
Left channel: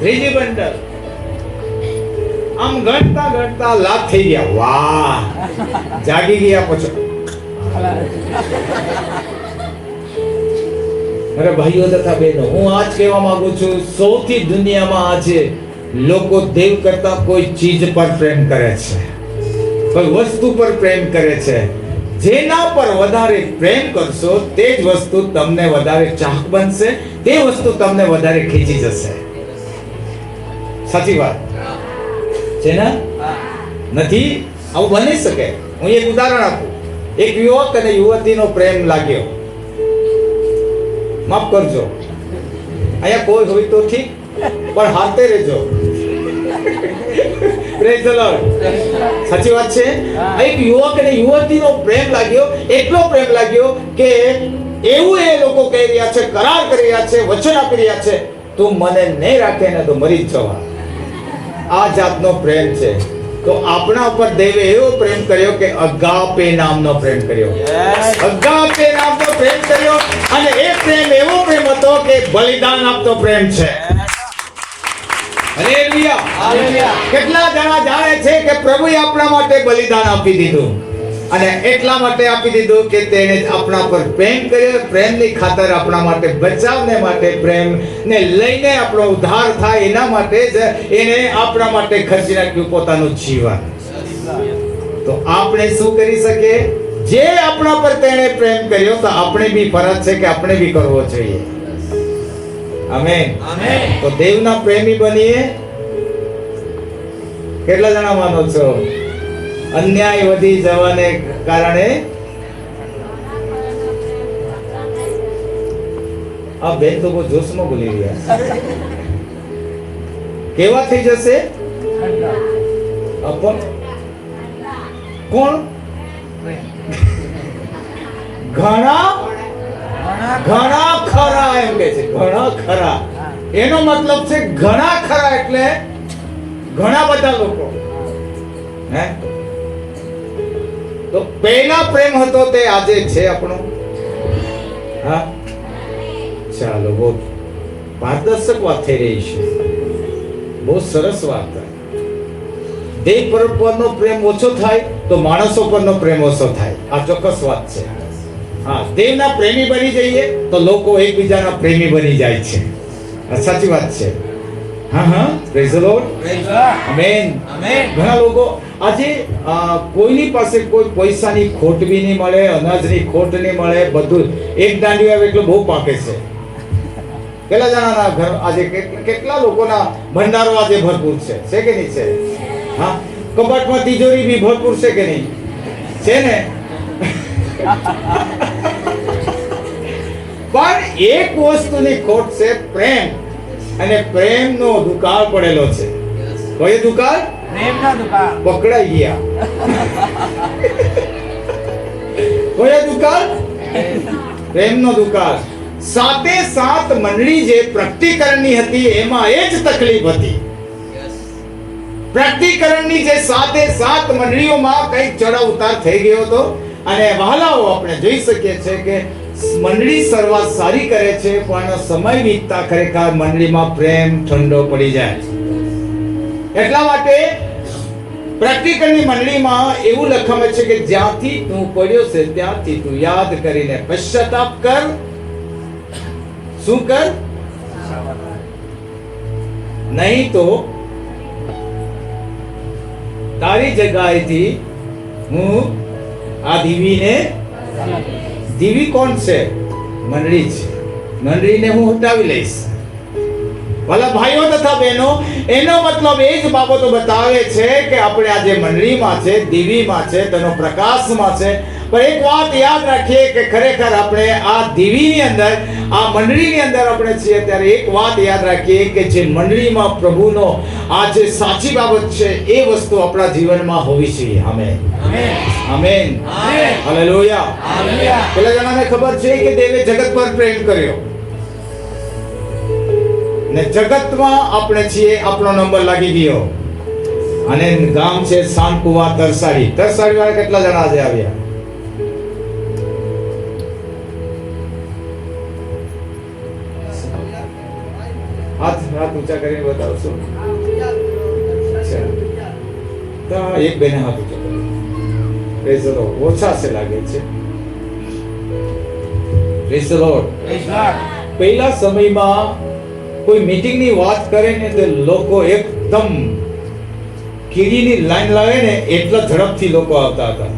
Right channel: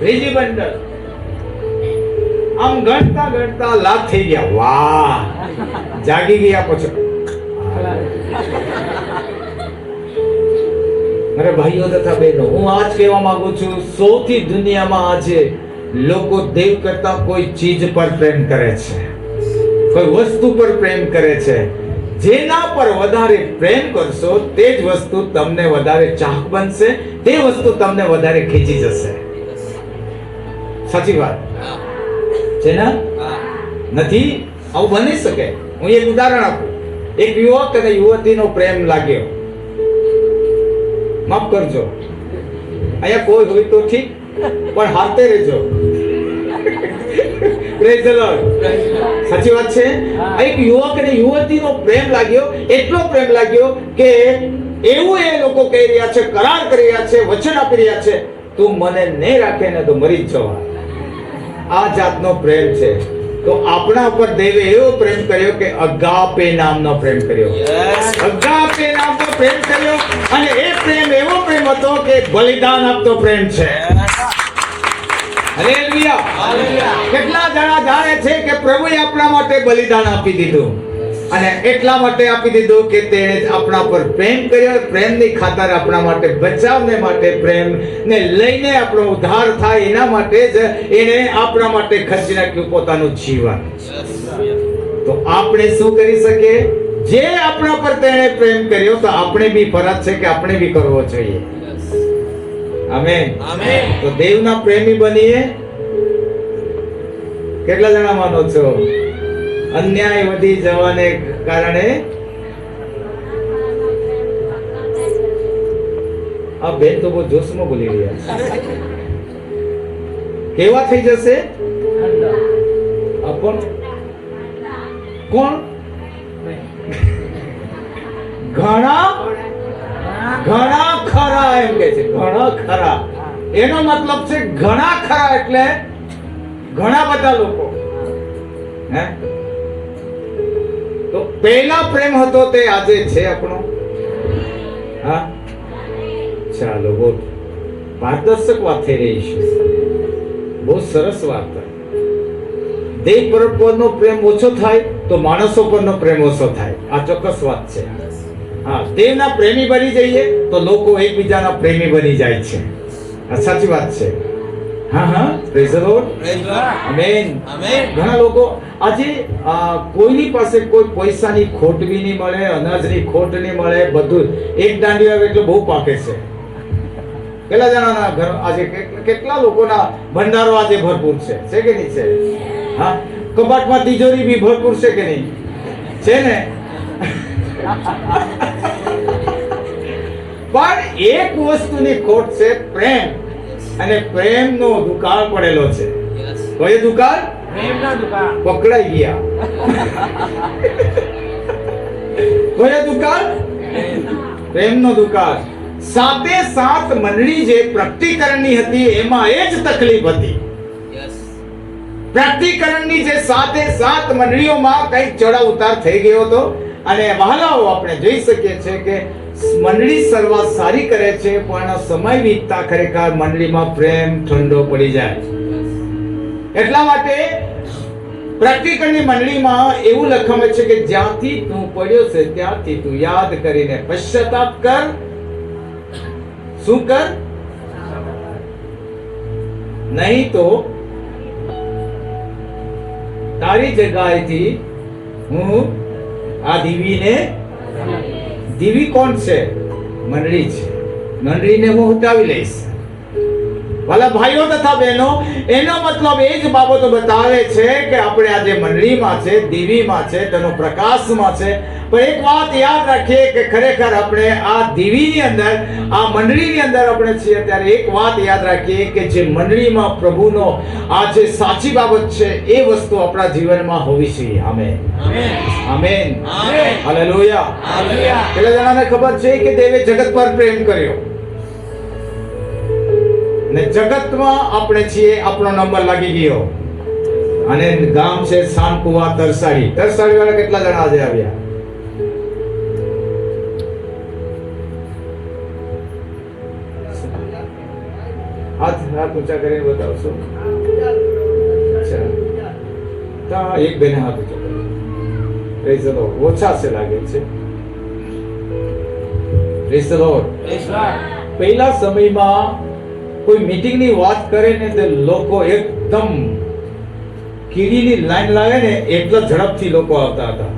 ત્રીજી બંડલ, આમ ગણતા લાખ થઈ ગયા. વાહ, જાગી ગયા પછી. અરે ભાઈઓ તથા બહેનો, હું આજ કહેવા માંગુ છું, સૌથી દુનિયામાં આજે લોકો દેવ કરતા કોઈ ચીજ પર પ્રેમ કરે છે, કોઈ વસ્તુ પર પ્રેમ કરે છે. જેના પર વધારે પ્રેમ કરશો તે જ વસ્તુ તમને વધારે ચાહક બનશે, તે વસ્તુ તમને વધારે ખેંચી જશે. સાચી વાત છે ને? નથી? આવું બની શકે. હું એક ઉદાહરણ આપું. એક યુવક અને યુવતીનો પ્રેમ લાગ્યો. માફ કરજો, અહીંયા કોઈ હોય તો ઠીક, પણ હાથે રહેજો. Praise the Lord. સાચી વાત છે. એક યુવક અને યુવતીનો પ્રેમ લાગ્યો, એટલો પ્રેમ લાગ્યો કે એવું એ લોકો કહી રહ્યા છે, કરાર કરી રહ્યા છે, વચન આપી રહ્યા છે, તું મને નહીં રાખે ને તો મરી જ જવા. આ જાતનો પ્રેમ છે. તો આપણા ઉપર દેવે એવો પ્રેમ કર્યો કે અગાપે નામનો પ્રેમ કર્યો. અગાપે નામનો પ્રેમ કર્યો, અને એ પ્રેમ એવો પ્રેમ હતો કે બલિદાન આપતો પ્રેમ છે. હાલેલુયા. કેટલા જણા જાણે છે કે પ્રભુએ આપણા માટે બલિદાન આપી દીધું, અને એટલા માટે આપી દીધું કે તેણે આપણા પર પ્રેમ કર્યો. પ્રેમની ખાતર આપણા માટે, બચાવને માટે, પ્રેમને લઈને આપણો ઉદ્ધાર થાય એના માટે જ એને આપણા માટે ખર્ચી નાખ્યું પોતાનું જીવન. તો આપણે શું કરી શકીએ? જે આપણા પર તેણે પ્રેમ કર્યો, તો આપણે બી ફરજ છે કે આપણે બી કરવો જોઈએ. આમેન. તો દેવના પ્રેમી બનીએ. કેટલા જણા માનો છો? અન્યાય વધી જવાને કારણે આ બેન તો બહુ જોશમાં બોલી રહ્યા. કેવા થઈ જશે? કોણ ઘણા ખરા એમ કે છે. ઘણા ખરા એનો મતલબ છે ઘણા ખરા એટલે ઘણા બધા લોકો. હે? તો પહેલા પ્રેમ હતો તે આજે છે આપણો. હા, ચાલો, બહુ પારદર્શક વાત થઈ રહી છે. બહુ સરસ વાત. દેવ પરનો પ્રેમ ઓછો થાય તો માણસો પરનો પ્રેમ ઓછો થાય. આ ચોક્કસ વાત છે. હા, દેવના પ્રેમી બની જઈએ તો લોકો એકબીજાના પ્રેમી બની જાય છે. આ સાચી વાત છે. હા, પ્રેઝ ધ લોર્ડ. આમેન. ઘણા લોકો આજે કોઈની પાસે કોઈ પૈસાની ખોટ બી નહીં મળે, અનાજની ખોટ નહીં મળે, બધું એક દાંડી આવે એટલે બહુ પાકે છે. કેટલા જણાના ઘર આજે કેટલા લોકોના ભંડારો આજે ભરપૂર છે કે નહીં છે? હા, કબાટમાં તિજોરી બી ભરપૂર છે કે નહીં? છે ને? પણ એક વસ્તુની ખોટ છે, પ્રેમ. અને પ્રેમનો દુકાળ પડેલો છે. કયો દુકાળ? પ્રેમનો દુકાળ. પકડાઈ ગયા. કયો દુકાળ? પ્રેમનો દુકાળ. સાતે સાત મંડળી જે પ્રગટીકરણની હતી એમાં એ જ તકલીફ હતી. પ્રગટીકરણની જે સાતે સાત મંડળીઓમાં કઈ ચડાવ ઉતાર થઈ ગયો હતો. અને વહાલાઓ આપણે જોઈ શકીએ છીએ કે મંડળી શરૂઆત સારી કરે છે, પણ સમય વીતતા ખરેખર મંડળીમાં પ્રેમ ઠંડો પડી જાય. એટલા માટે પ્રગટીકરણની મંડળીમાં એવું લખાયું છે કે જ્યાંથી તું પડ્યો છે ત્યાંથી તું યાદ કરીને પશ્ચાતાપ કર. શું કર? નહીં તો તારી જગ્યાએથી હું આ દીવીને, દીવી કોણ છે? મંડળી છે. મંડળીને હું હટાવી લઈશ. ભલા ભાઈઓ તથા બહેનો, એનો મતલબ એ જ બાબતો બતાવે છે કે આપણે આજે મંડળીમાં છે, દીવીમાં છે, તેનો પ્રકાશમાં છે. પણ એક વાત યાદ રાખીએ કે ખરેખર આપણે આ દીવીની અંદર, આ મંડળીની અંદર આપણે છીએ, ત્યારે એક વાત યાદ રાખીએ કે જે મંડળીમાં પ્રભુનો આ જે સાચી બાબત છે એ વસ્તુ આપણા જીવનમાં હોવી જોઈએ. આમેન. આમેન. હાલેલુયા. પેલા જણાને ખબર છે કે દેવે જગત પર પ્રેમ કર્યો, ને જગતમાં આપણે છીએ, આપણો નંબર લાગી ગયો. અને ગામ છે સાનકુવા તરસાડી. તરસાડી વાળા કેટલા જણા આજે આવ્યા? હાથ ઊંચા કરીને બતાવશો? એક બેને હાથ ઊંચો કર્યો. Praise the lord. ઓછા છે લાગે છે. Praise the lord. પહેલા સમયમાં કોઈ મીટિંગની વાત કરે ને તો લોકો એકદમ કીડીની લાઈન લાગે ને એટલા ઝડપથી લોકો આવતા હતા.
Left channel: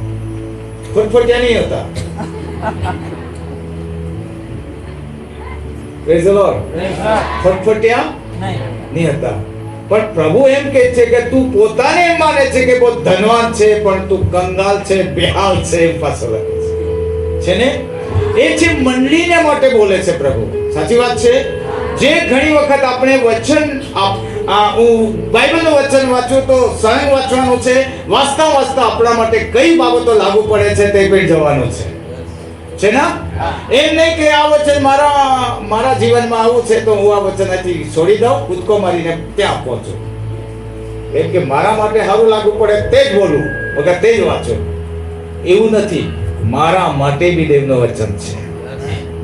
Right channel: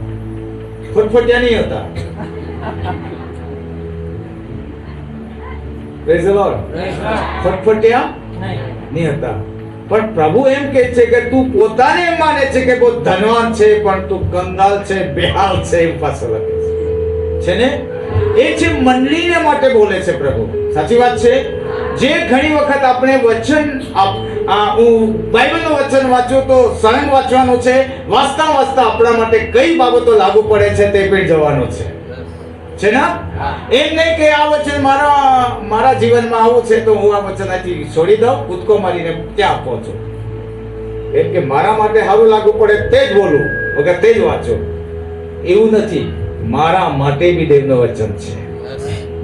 ફટફટિયા નહીં હતા. Praise the lord. ફટફટ્યા નહીં હતા. પણ પ્રભુ એમ કહે છે કે તું પોતાને એમ માને છે કે બહુ ધનવાન છે, પણ તું કંગાલ છે, બેહાલ છે, એમ પાછો લખે છે ને. એ છે મંડળીને માટે બોલે છે પ્રભુ. સાચી વાત છે. જે ઘણી વખત આપણે વચન હું બાઇબલનું વચન વાંચું તો સ્વયં વાંચવાનું છે. વાંચતા વાંચતા આપણા માટે કઈ બાબતો લાગુ પડે છે તે પણ જોવાનું છે ને. એમ નહીં કે આ વચન મારા જીવનમાં આવું છે તો હું આ વચન અહીંથી છોડી દઉં, કૂદકો મારીને ત્યાં પહોંચું. એમ કે મારા માટે સારું લાગુ પડે તે જ બોલું, વગર તે જ વાંચું, એવું નથી. મારા માટે બી દેવનું વચન છે,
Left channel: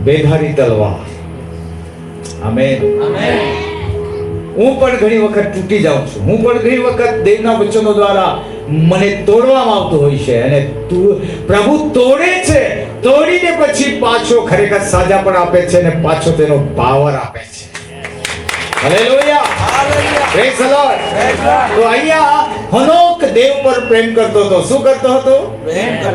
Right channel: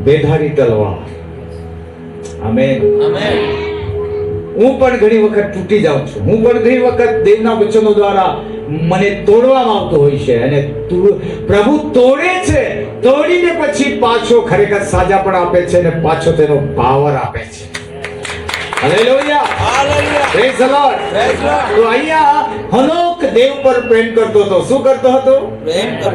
બેધારી તલવાર. આમેન. હું પણ ઘણી વખત તૂટી જાઉં છું. હું પણ ઘણી વખત દેવના વચનો દ્વારા મને તોડવામાં આવતો હોય છે, અને પ્રભુ તોડે છે. તોડીને પછી પાછો ખરેખર સાજા પણ આપે છે, અને પાછો તેનો પાવર આપે છે. Hallelujah, praise the lord. તો અહીંયા હનોક દેવ પર પ્રેમ કરતો હતો. શું કરતો હતો?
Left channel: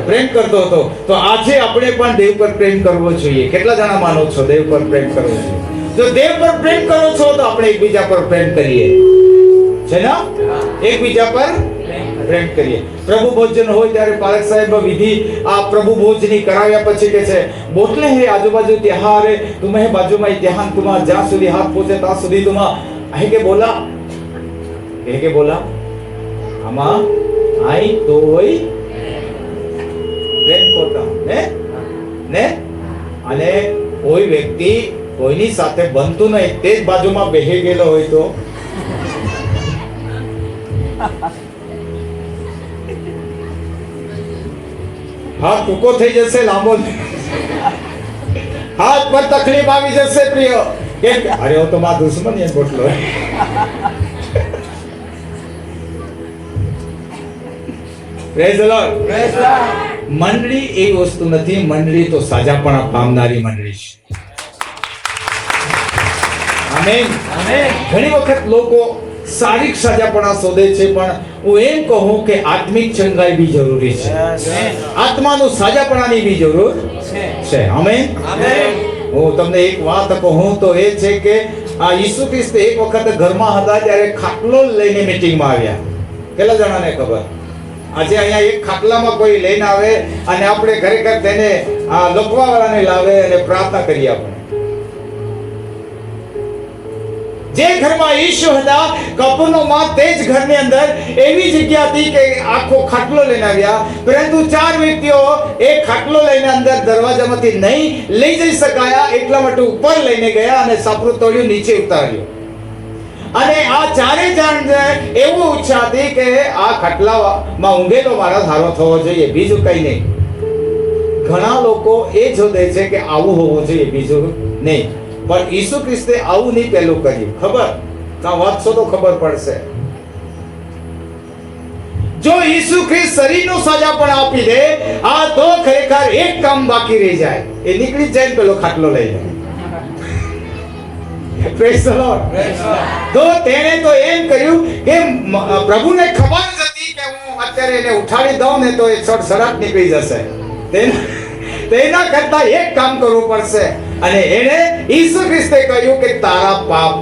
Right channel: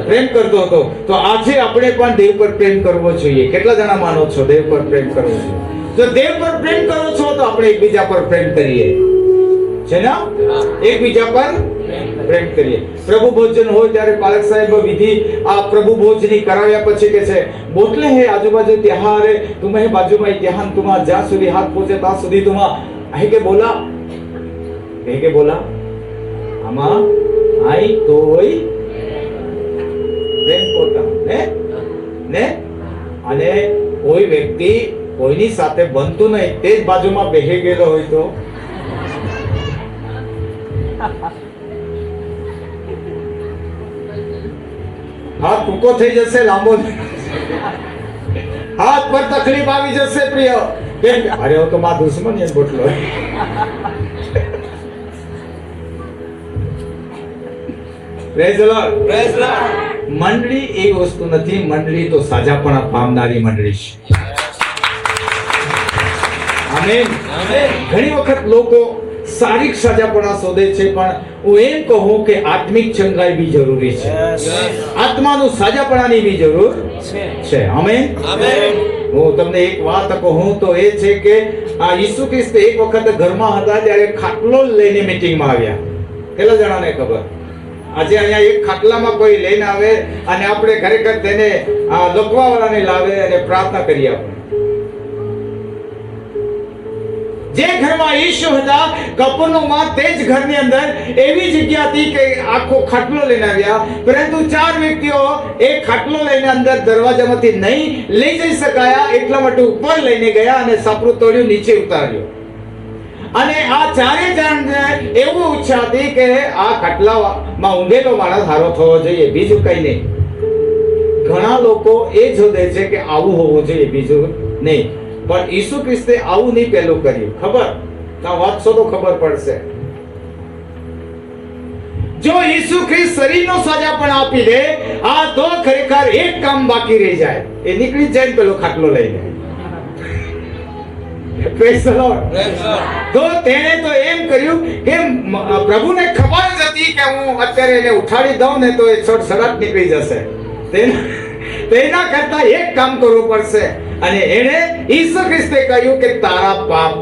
પ્રેમ કરતો હતો. તો આજે આપણે પણ દેવ પર પ્રેમ કરવો જોઈએ. કેટલા જણા માનો છો દેવ પર પ્રેમ કરવો જોઈએ? જો દેવ પર પ્રેમ કરો છો તો આપણે એકબીજા પર પ્રેમ કરીએ છે ને. એકબીજા પર પ્રેમ કરીએ. પ્રભુ ભોજન હોય ત્યારે પાલક સાહેબ વિધિ આ પ્રભુ ભોજની કરાવ્યા પછી કે છે બોતલે હે આજુબાજુ ત્યાં રે તુમે બાજુમાં ત્યાં તુમા જ્યાં સુધી હાથ પહોંચે ત્યાં સુધી તુમા અહીં કે બોલા આમાં આઈ તોય પ્રેમ કોટા ને. અને કોઈ વ્યક્તિ કોઈની સાથે બનતું નહીં, તે જ બાજુમાં બેસી ગયેલો હોય તો હાથ ટૂંકો થઈ જશે, લાંબો હાથ પર તકલીફ આવી જશે પ્રિય. કેમ કે અરે તો મારો દુશ્મન એ બોટલો. Praise the lord. મંડળી એ વસ્તુ નથી. મંડળી તો સાજાપણા પામનારી મંડળી છે. આમેન. ઘણી વખત લોકો શારીરિક સાજાપણા શોધે છે, પણ હું એમ કહું કે આત્મિક ચંગાઈ બી જરૂરી છે. આત્માનું સાજાપણાની બી જરૂર છે. આમેન. હું તમને એક વાત કહું તો એ છે કે આ ઈસુ ખ્રિસ્ત એક વખત ઘરમાં હતા ત્યારે ખાટલો લઈને મીટિંગમાં આવ્યા. કેટલા જણાને ખબર? આજે અહીંયા એક ખાટલામાં કોઈ લઈને આવે અને આપણે ખરેખર તેને લોકવાવાળાને લાવે અને પ્રાર્થના કરીએ. આપણે જે ઘરમાં ઈસુ હતા કપરનહૂમમાં, તે જ ઘરની અંદર એવી જગ્યા હતી કે આખો ખાટલો લઈને આવ્યા, પરંતુ 4 વ્યક્તિઓ એ ખાટલો લઈને અંદર દરવાજામાંથી નહીં લઈ જઈ શકાયા, એટલા માટે ઉપર લઈને ગયા અને સાપરું તોડ્યું, નીચે ઉતાર્યું. અને આ 4 જણ એવું ઈચ્છા હતી કે આ ખાટલામાં ઊંઘેલો માણસ હારો થવો જોઈએ, બીજું કઈ નહીં. ઘણા લોકો એ જોડે છે કે આવું હોવું જોઈએ, બીજું નહીં. પણ ઈસુ ખ્રિસ્તે આવું નહીં પહેલું કર્યું. ખબર? તો વાંચશો તો ખબર પડશે. જો ઈસુ ખ્રિસ્ત શરીરનો સાજા પણ આપી દે આ તો ખરેખર એક કામ બાકી રહી જાય. એ નીકળી જાય પેલો ખાટલો લઈને. Praise the lord. તો તેણે તો એમ કર્યું કે પ્રભુને ખબર જ હતી કે હું અત્યારે એને ઉઠાડી દઉં ને તો એ સડસડાટ નીકળી જશે. તેના કરતા એક કામ કરવું પડશે. અને એને ઈસુ ખ્રિસ્તે કહ્યું કે તારા પાપ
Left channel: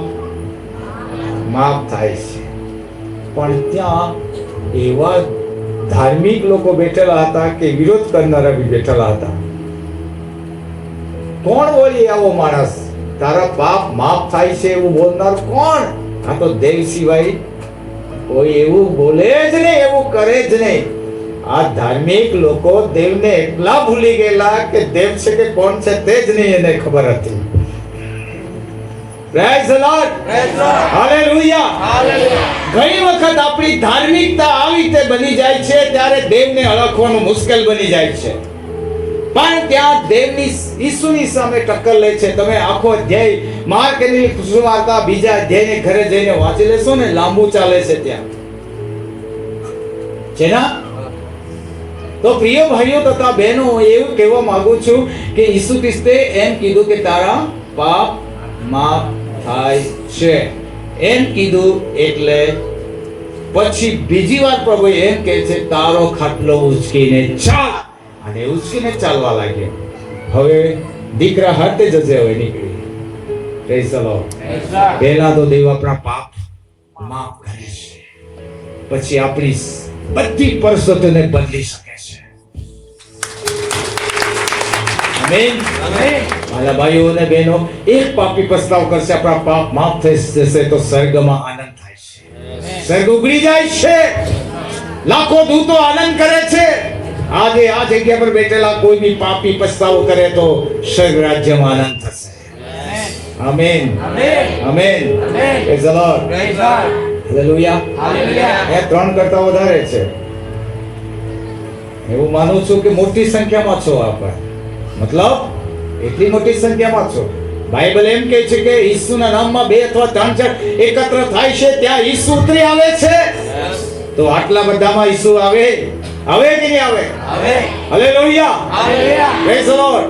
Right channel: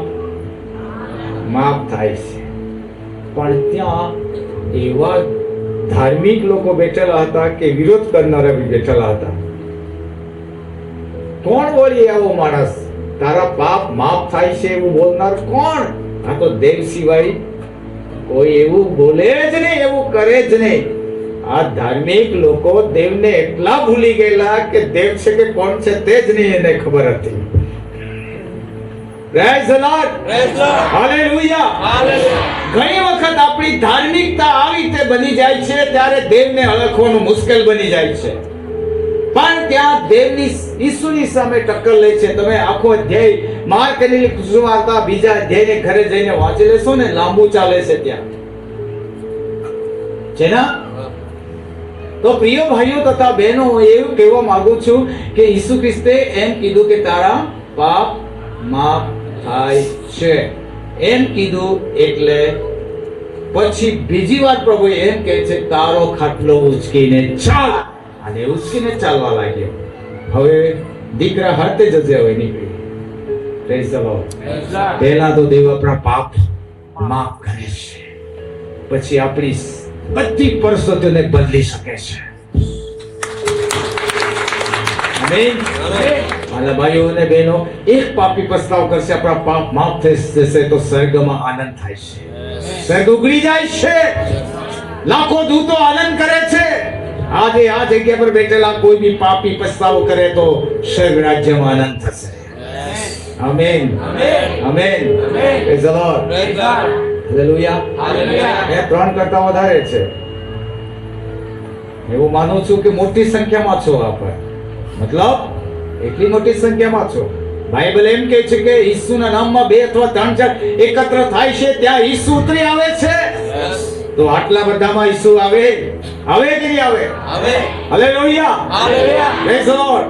માફ થાય છે. પણ ત્યાં એવા ધાર્મિક લોકો બેઠેલા હતા કે વિરોધ કરનારા બી બેઠેલા હતા. કોણ બોલે આવો માણસ? તારા પાપ માફ થાય છે એવું બોલનાર કોણ? આ તો દેવ સિવાય કોઈ એવું બોલે જ નહીં, એવું કરે જ નહીં. આ ધાર્મિક લોકો દેવને એટલા ભૂલી ગયેલા કે દેવ છે કે કોણ છે તે જ નહીં એને ખબર હતી. Praise the lord. હાલેલુયા. ઘણી વખત આપણી ધાર્મિકતા આવી રીતે બની જાય છે ત્યારે દેવને ઓળખવાનું મુશ્કેલ બની જાય છે. પણ ત્યાં દેવની ઈસુની સામે ટક્કર લે છે. તમે આખો અધ્યાય માર્કની સુવાર્તા બીજા અધ્યાયની ઘરે જઈને વાંચી લેશો ને, લાંબુ ચાલે છે ત્યાં. જેના તો પ્રિય ભાઈઓ તથા બહેનો, એવું કહેવા માંગુ છું કે ઈસુ ખ્રિસ્તે એમ કીધું કે તારા પાપ માફ થાય છે. એમ કીધું એટલે પછી બીજી વાર પ્રભુ એમ કહે છે તારો ખાટલો ઉચકીને ચાલ. અને ઉચકીને ચાલવા લાગ્યા. હવે દીકરા હાથે જશે. હવે નીકળી પ્રેઝ ધ લોર્ડ. પહેલા તો દેવ આપણા પાપ માફ કરે છે, પછી આપણી બધી પરિસ્થિતિઓને બદલી શકે છે. આમેન. મારા ભાઈઓ અને બહેનો, એક પાપી પસ્તાવ કરશે, આપણા પાપ માફ થઈ જશે તો સ્વર્ગમાં આનંદ થાય છે, સ્વર્ગ ઉગડી જાય છે, લાખો દૂતો આનંદ કરે છે. આજે આ જગ્યા પર બેઠેલા કોઈ બી પાપી પસ્તાવો કરે તો સ્વર્ગ રાજ્યમાં આનંદ થશે. Amen. Amen. Praise the lord. Hallelujah. એ 3 કરતા વધારે છે. એવું માનું છું કે મોટી સંખ્યામાં છો આપ, મતલબ એટલી મોટી સંખ્યામાં છો. બાઇબલ એમ કહે છે કે ઈસુના નામમાં 2 અથવા 3 જણ એકત્ર થાય છે ત્યાં ઈસુ ઉતરી આવે છે. તો આટલા બધામાં ઈસુ આવે કે નહીં આવે? હાલેલુયા. Praise the lord.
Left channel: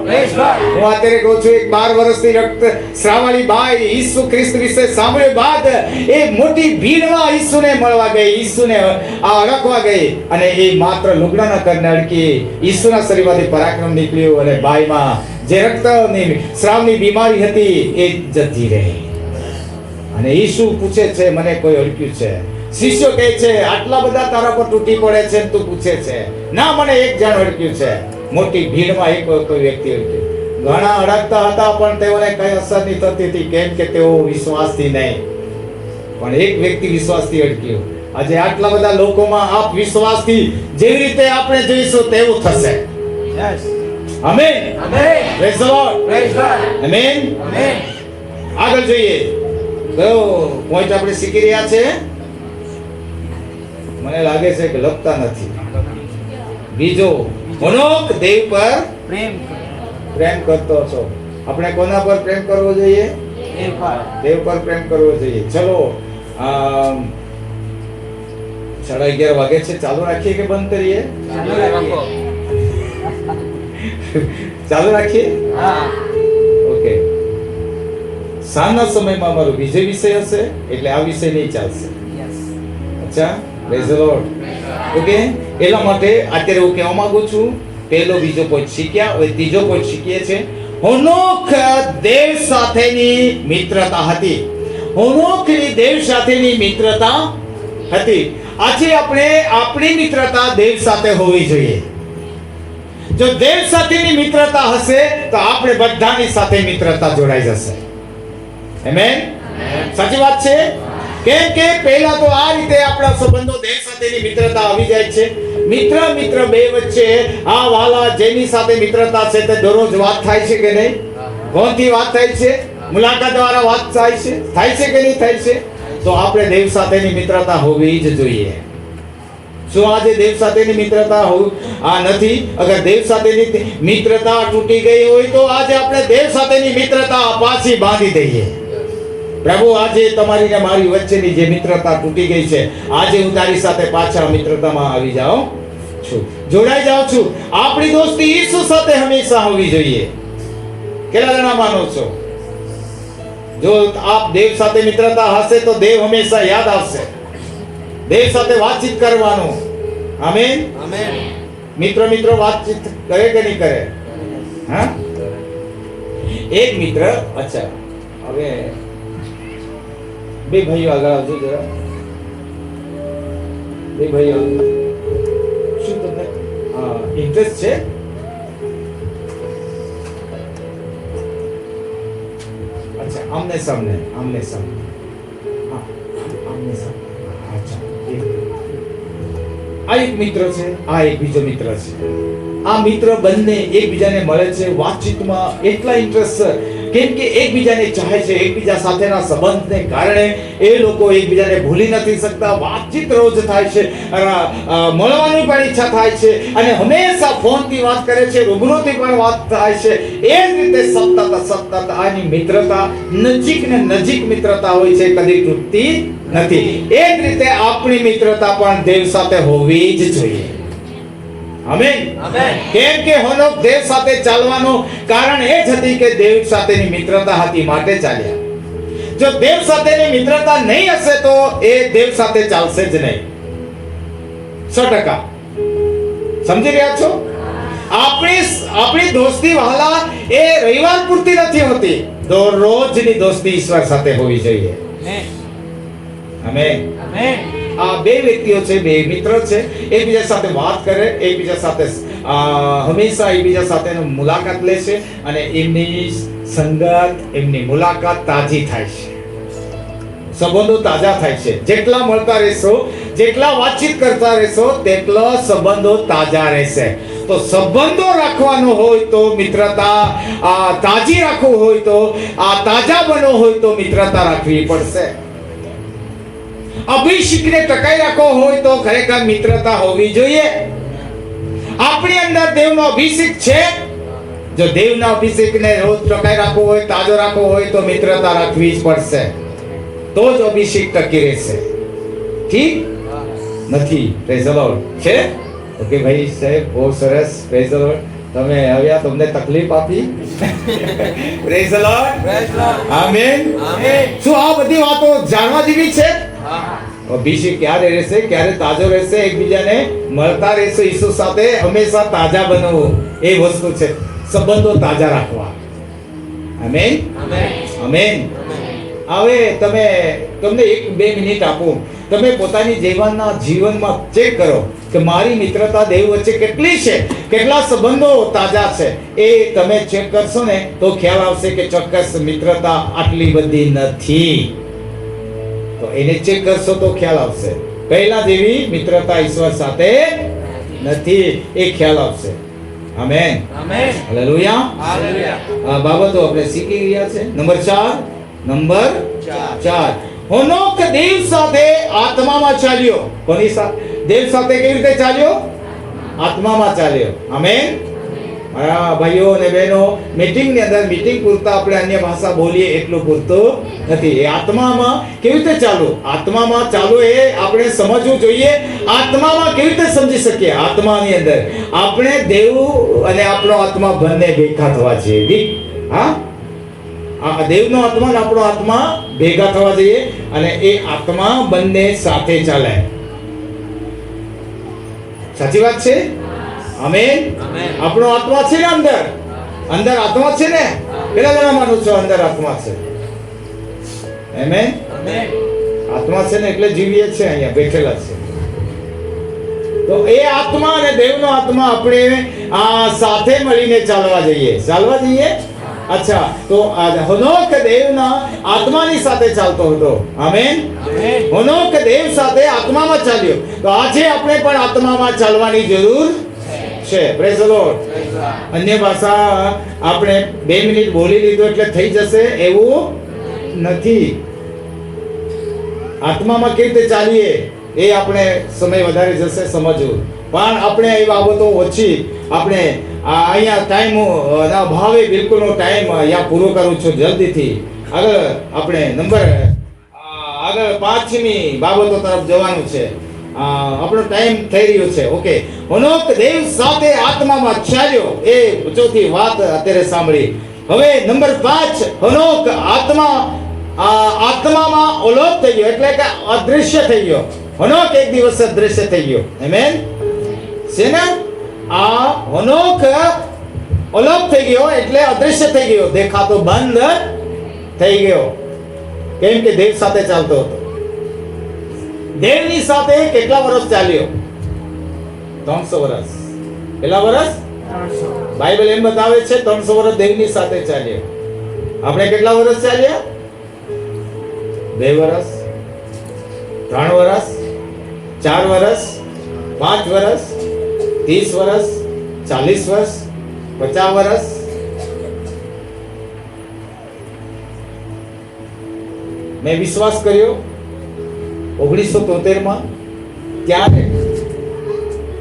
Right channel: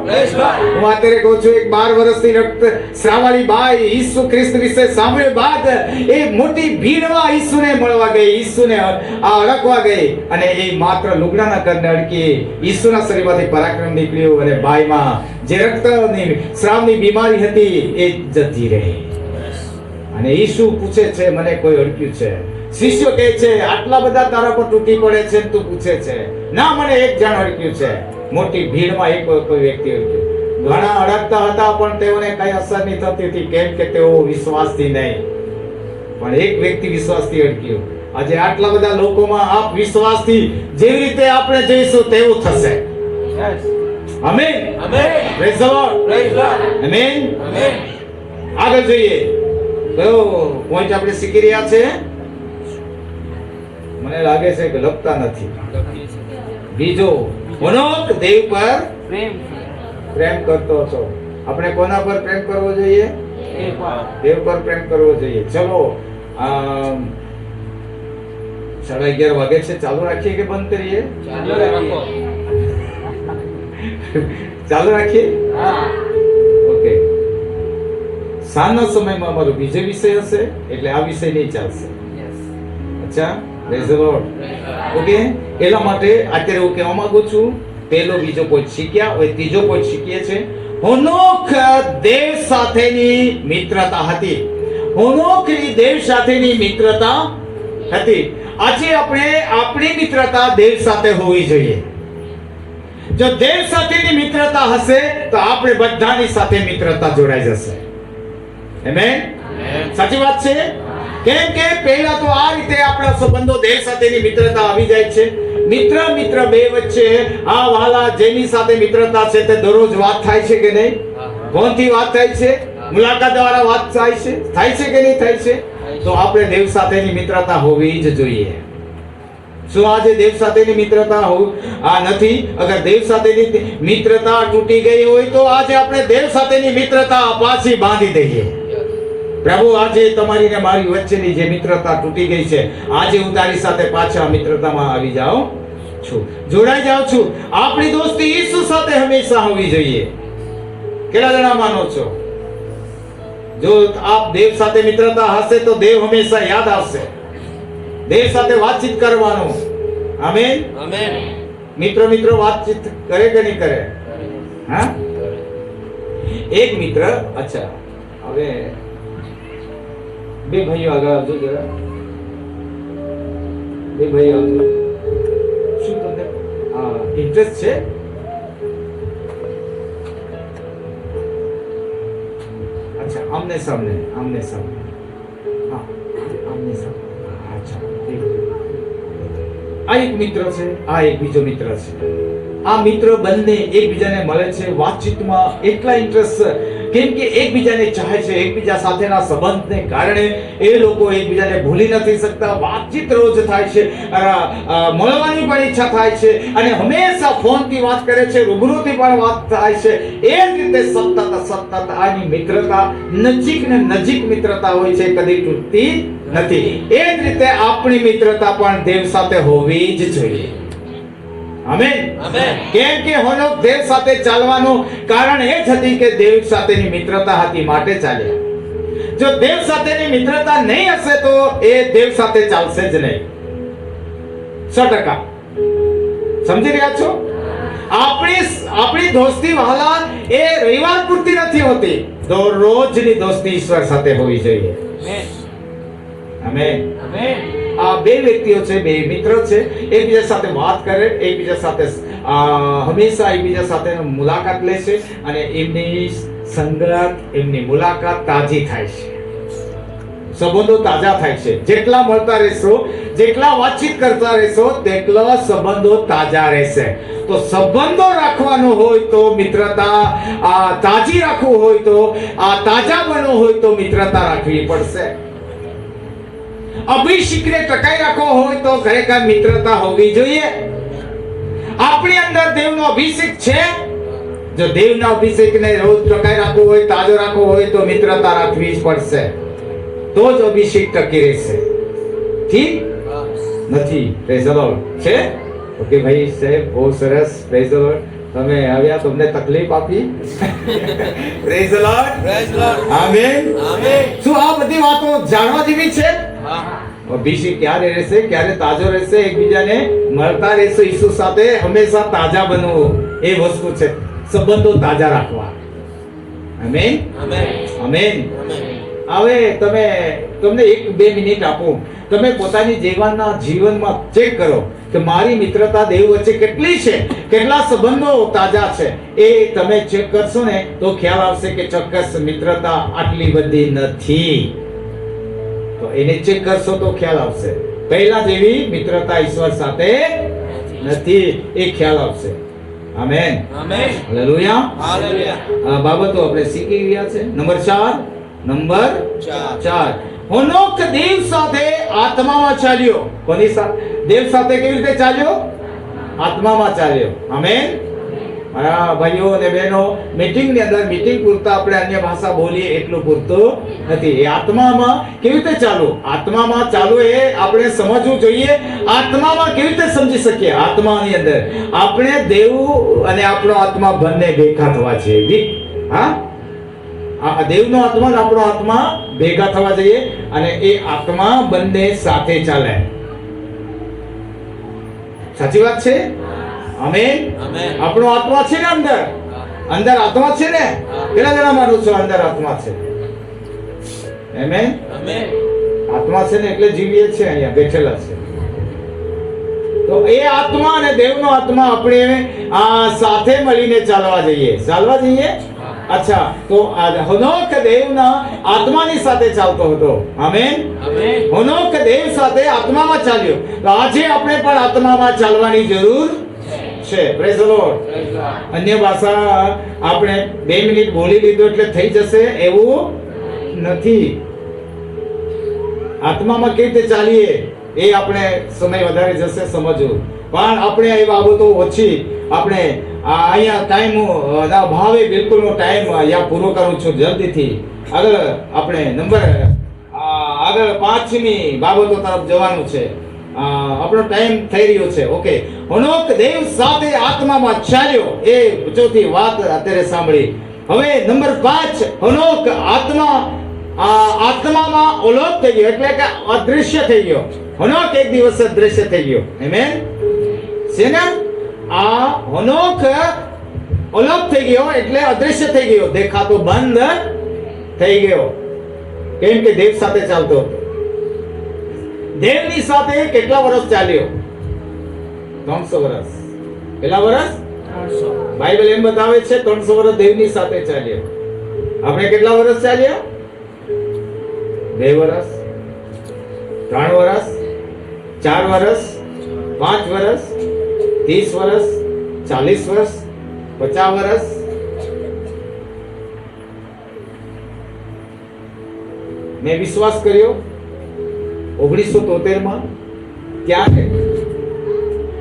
હું અત્યારે કહું છું, એક 12 વર્ષની રક્તસ્રાવવાળી બાઈ ઈસુ ખ્રિસ્ત વિશે સાંભળ્યા બાદ એ મોટી ભીડમાં ઈસુને મળવા ગઈ, ઈસુને અડકવા ગઈ, અને એ માત્ર લુગડાના કરને અડકી ઈસુના શરીરમાંથી પરાક્રમ નીકળ્યું અને બાઈમાં જે રક્તની સ્રાવની બીમારી હતી એ જતી રહી. અને ઈસુ પૂછે છે, મને કોઈ અડક્યું છે? શિષ્યો કહે છે, આટલા બધા તારા પર તૂટી પડે છે તું પૂછે છે? ના, મને એક જણ અડક્યું છે. મોટી ભીડમાં એક કોઈ વ્યક્તિ અડક્યું. ઘણા અડકતા હતા પણ તેઓને કઈ અસર નહીં થતી હતી, કેમ કે તેઓ વિશ્વાસથી નહીં, પણ એક વ્યક્તિ વિશ્વાસથી અડક્યું. આજે આટલા બધા લોકોમાં આપ વિશ્વાસથી જેવી રીતે આપણે જઈશું તેવું થશે. Amen. Praise the lord. Amen. આગળ જોઈએ તો પોઈન્ટ આપણે શીખી રહ્યા છે. મને લાગે છે કે લખતા નથી. બીજો, હનોક દેવ પર પ્રેમ કરતો છો. આપણે કોના પર પ્રેમ કરવો જોઈએ? દેવ પર પ્રેમ કરવો જોઈએ. ચલો 11:30 વાગે છે, ચાલુ રાખીએ કે બંધ કરીએ? ચાલુ રાખીએ. ઓકે. સાંજના સમયમાં અમારો બીજો વિષય હશે, એટલે આ વિષય નહીં ચાલશે. અચ્છા, પ્રેઝ ધ લોર્ડ. ઓકે, એટલા માટે અત્યારે હું કહેવા માંગુ છું, પહેલો બીજો પોઈન્ટ શીખ્યા, હવે ત્રીજો પોઈન્ટ શીખીએ છે. હનોક દેવ સાથેની મિત્રતા હતી. હનોકની દેવ સાથેની મિત્રતા હતી. આજે આપણે આપણી મિત્રતા દેવ સાથે હોવી જોઈએ. જો દેવ સાથેની મિત્રતા હશે તો આપણે બધાની સાથે મિત્રતા જોડાઈ જશે. આમેન. સાચી વાત છે. કેમ કે પહેલા તો આ રીતે આપણા સંબંધો દેવ સાથેની મિત્રતા આવી જાય છે. મિત્ર બે વચ્ચે આ વાલા જેની સાથે મિત્રતા છે તે દરરોજ વાત થાય છે કે નહીં? કોણથી વાત થાય છે? મુલાકાત દ્વારા વાત થાય છે કે નહીં થાય છે? તો આપણે દેવ સાથેની મિત્રતા હોવી જ જોઈએ. શું આજે દેવ સાથેની મિત્રતા નથી? અગર દેવ સાથેની મિત્રતા તૂટી ગઈ હોય તો આજે આપણે દેવ સાથેની મિત્રતા પાછી બાંધી દઈએ. પ્રભુ, આજે તમારી ને મારી વચ્ચેની જે મિત્રતા તૂટી ગઈ છે, આજે હું તારી સાથે પાછા મિત્રતામાં આવી જાઉં છું, જોડાઈ જાઉં છું. આપણી દોસ્તી ઈસુ સાથે હંમેશા હોવી જોઈએ. કેટલા જણા માનો છો? જો આપ દેવ સાથે મિત્રતા હશે તો દેવ હંમેશા યાદ આવશે. દેવ સાથે વાતચીત કરવાનું. આમેન. મિત્ર વાતચીત કરે કે નહીં કરે? હા, એક મિત્ર. અચ્છા, હવે બે ભાઈઓ આગળ આવજો જરા. બે ભાઈઓ, શું તમને ઇન્ટરેસ્ટ છે? અચ્છા, આમને સામને. હા, આમને સામને. અચ્છા, આ એક મિત્ર છે, આ એક બીજો મિત્ર છે. આ મિત્ર બંને એકબીજાને મળે છે, વાતચીતમાં એટલા ઇન્ટરેસ્ટ છે કેમ કે એકબીજાને ચાહે છે. એકબીજા સાથેના સંબંધને કારણે એ લોકો એકબીજાને ભૂલી નથી શકતા. વાતચીત રોજ થાય છે, મળવાની પણ ઈચ્છા થાય છે, અને હંમેશા ફોનથી વાત કરે છે, રૂબરૂથી પણ વાત થાય છે. એ જ રીતે સતત આની મિત્રતા નજીક ને નજીક મિત્રતા હોય છે, કદી તૂટતી નથી. એ જ રીતે આપણી મિત્રતા પણ દેવ સાથે હોવી જ જોઈએ. આમેન. કેમ કે હનોક દેવ સાથે ચાલવાનું કારણ એ જ હતી કે દેવ સાથેની મિત્રતા હતી, માટે ચાલ્યા. જો દેવ સાથેની મિત્રતા નહીં હશે તો એ દેવ સાથે ચાલશે જ નહીં. 100%. સમજી રહ્યા છો? આપણી દોસ્તી વહાલા એ રવિવાર પૂરતી નથી હોતી, દરરોજની દોસ્તી ઈશ્વર સાથે હોવી જોઈએ. આમેન. આ બે વ્યક્તિઓ છે, બે મિત્ર છે, એકબીજા સાથે વાત કરે, એકબીજા સાથે હંમેશા એકબીજા સાથે મુલાકાત લે છે અને એમની સંગત, એમની મુલાકાત તાજી થાય છે, સંબંધો તાજા થાય છે. જેટલા મળતા રહેશો, જેટલા વાતચીત કરતા રહેશો, તેટલા સંબંધો તાજા રહેશે. તો સંબંધો રાખવાનો હોય તો મિત્રતા તાજી રાખવું હોય તો તાજા બનવો હોય તો મિત્રતા રાખવી પડશે. અભિષેકને ટકાઈ રાખવો હોય તો ખરેખર મિત્રતા હોવી જોઈએ. આપણી અંદર દેવનો અભિષેક છે. જો દેવના અભિષેકને રોજ ટકાઈ રાખવો હોય, તાજો રાખવો હોય તો મિત્રતા રાખવી જ પડશે. તો જ અભિષેક ટકી રહેશે. ઠીક નથી? Praise the lord. છે? ઓકે ભાઈ સાહેબ, બહુ સરસ. Praise the lord. તમે આવ્યા, તમને તકલીફ આપી. Praise the lord. આમેન. શું આ બધી વાતો જાણવા જેવી છે? અભિષેક ક્યારે રહેશે, ક્યારે તાજો રહેશે, એકબીજાને મળતા રહેશે, ઈસુ સાથે હંમેશા તાજા બનવું, એ વસ્તુ છે. સંબંધો તાજા રાખવા. આમેન. આમેન. હવે તમને 1-2 મિનિટ આપું. તમે પોતાની જીવનમાં ચેક કરો કે મારી મિત્રતા દેવ વચ્ચે કેટલી છે, કેટલા સંબંધો તાજા છે. એ તમે ચેક કરશો ને તો ખ્યાલ આવશે કે ચોક્કસ મિત્રતા આટલી બધી નથી. તો એને ચેક કરશો તો ખ્યાલ આવશે. પહેલા જેવી મિત્રતા ઈશ્વર સાથે નથી, એ ખ્યાલ આવશે. આમેન. હાલેલુયા. આ બાબતો આપણે શીખી રહ્યા છે. નંબર 4. હનોક દેવ સાથે આત્મામાં ચાલ્યો. કોની સાથે? દેવ સાથે કેવી રીતે ચાલ્યો? આત્મામાં ચાલ્યો. આમેન. મારા ભાઈઓ અને બહેનો, મીટિંગની અંદર મીટિંગ પૂરતા આપણે અન્ય ભાષા બોલીએ એટલું પૂરતું નથી. એ આત્મામાં કેવી રીતે ચાલવું? આત્મામાં ચાલવું એ આપણે સમજવું જોઈએ. આત્મામાં કેવી રીતે સમજી શકીએ? આત્માની અંદર આપણે દેવ અને આપણો આત્મા બંને ભેગા થવા જોઈએ. હા, આ દેવનો આત્મા અને આપણો આત્મા ભેગા થવા જોઈએ અને એ આત્મા બંને સાથે ચાલે. સાચી વાત છે? આમેન. આપણો આત્મા છે ને, અંદર આત્મા છે ને. પેલા જણા માનું છો અંદર આત્મા છે. આમેન. આત્મા છે ને એટલે જીવીએ છે, અહીંયા બેઠેલા છે. તો એ આત્મા અને દેવનો આત્મા આપણે સાથે મળીને ચાલવા જઈએ. અચ્છા, તો હનોક દેવના આત્માની સાથે ચાલતો હતો. આમેન. હનોક દેવ સાથે આત્મામાં ચાલ્યો. તો આજે આપણે પણ આત્મામાં ચાલવાની જરૂર છે. Praise the lord. અન્ય ભાષા આપણે 2 મિનિટ બોલી લીધું એટલે થઈ જશે એવું નથી. આત્મામાં કેવી રીતે ચાલીએ એ આપણે સમય વધારે જશે સમજવું. પણ આપણે એ બાબતો ઓછી આપણે અહીંયા ટાઈમ ના ભાવે બિલકુલનો ટાઈમ અહીંયા પૂરો કરું છું જલ્દીથી. આગળ આપણે આગળ 5મી બાબતો તરફ જવાનું છે. આપણો ટાઈમ થઈ રહ્યો છે. ઓકે. હનોક દેવ સાથે આત્મામાં ચાલ્યો. એ ચોથી વાત અત્યારે સાંભળી. હવે નંબર 5, હનોક આત્મામાં અલોપ થઈ ગયો, એટલે કે અદૃશ્ય થઈ ગયો. હનોક એક દિવસ અદૃશ્ય થઈ ગયો. આમેન. છે ને? આ હનોક અલોપ થઈ ગયો એટલે અદૃશ્ય થઈ ગયો, દેખાતો બંધ થઈ ગયો. કેમ કે દેવ સાથે ચાલતો હતો. દેવની સાથે કેટલા વર્ષ ચાલ્યો? 300 વર્ષ. કેટલા વર્ષ? 300. બાઇબલ એમ બતાવે છે 300 વર્ષ દેવની સાથે ચાલ્યો. આપણે કેટલા વર્ષ ચાલ્યા? 2 વર્ષ, 3 વર્ષ, 4 વર્ષ, 5 વર્ષ, 30 વર્ષ, 40 વર્ષ, 50 વર્ષ. મેં વિશ્વાસ કર્યો 1973 માં. ક્યારે?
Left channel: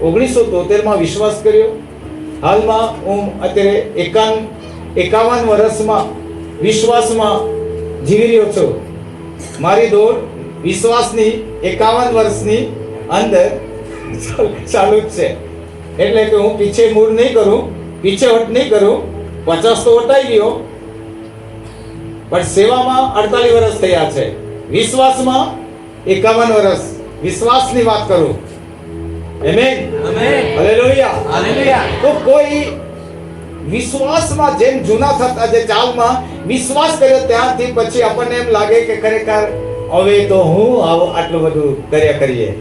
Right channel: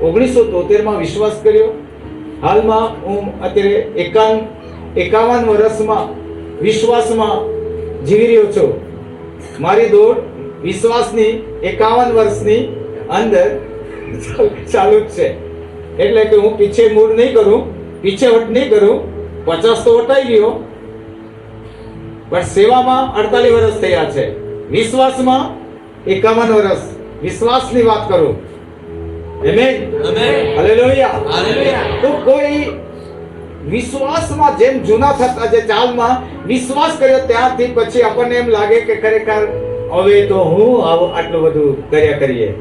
1973 માં વિશ્વાસ કર્યો. હાલમાં હું અત્યારે 51 વર્ષમાં વિશ્વાસમાં જીવી રહ્યો છું. મારી દોડ વિશ્વાસની 51 વર્ષની અંદર ચાલુ જ છે. એટલે કે હું પીછે મૂળ નહીં કરું, પીછેહટ નહીં કરું. 50 તો વટાઈ ગયો, પણ સેવામાં 48 વર્ષ થયા છે. વિશ્વાસમાં 51 વર્ષ. વિશ્વાસની વાત કરું. આમેન. હાલેલુયા. તો કોઈ વિશ્વાસમાં જેમ જૂના થતા જે ચાલમાં વિશ્વાસ કર્યો ત્યારથી પછી આપણને એમ લાગે કે ખરેખર હવે તો હું આટલું બધું કર્યા કરીએ.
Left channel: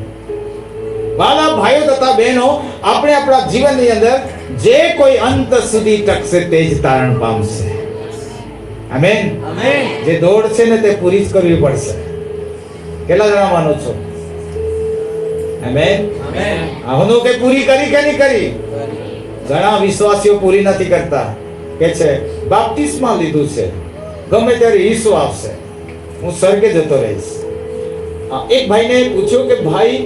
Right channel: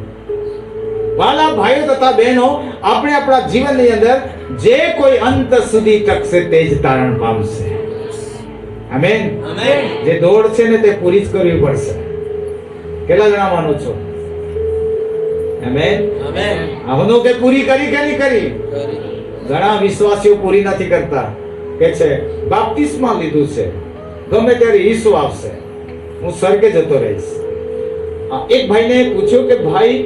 વાલા ભાઈઓ તથા બહેનો, આપણે આપણા જીવનની અંદર જે કોઈ અંત સુધી ટકશે તે જ તારણ પામશે. આમેન. જે દોડ છે ને તે પૂરી જ કરવી પડશે. કેટલા જણા માનો છો? આમેન. આનો કે પૂરી કરી કે નહીં કરી? ઘણા વિશ્વાસીઓ પૂરી નથી કરતા. કે છે બાપ્તિસ્મા લીધું છે, ગમે ત્યારે ઈસુ આવશે, હું સ્વર્ગે જતો રહીશ. એક ભાઈને પૂછ્યું કે ભાઈ,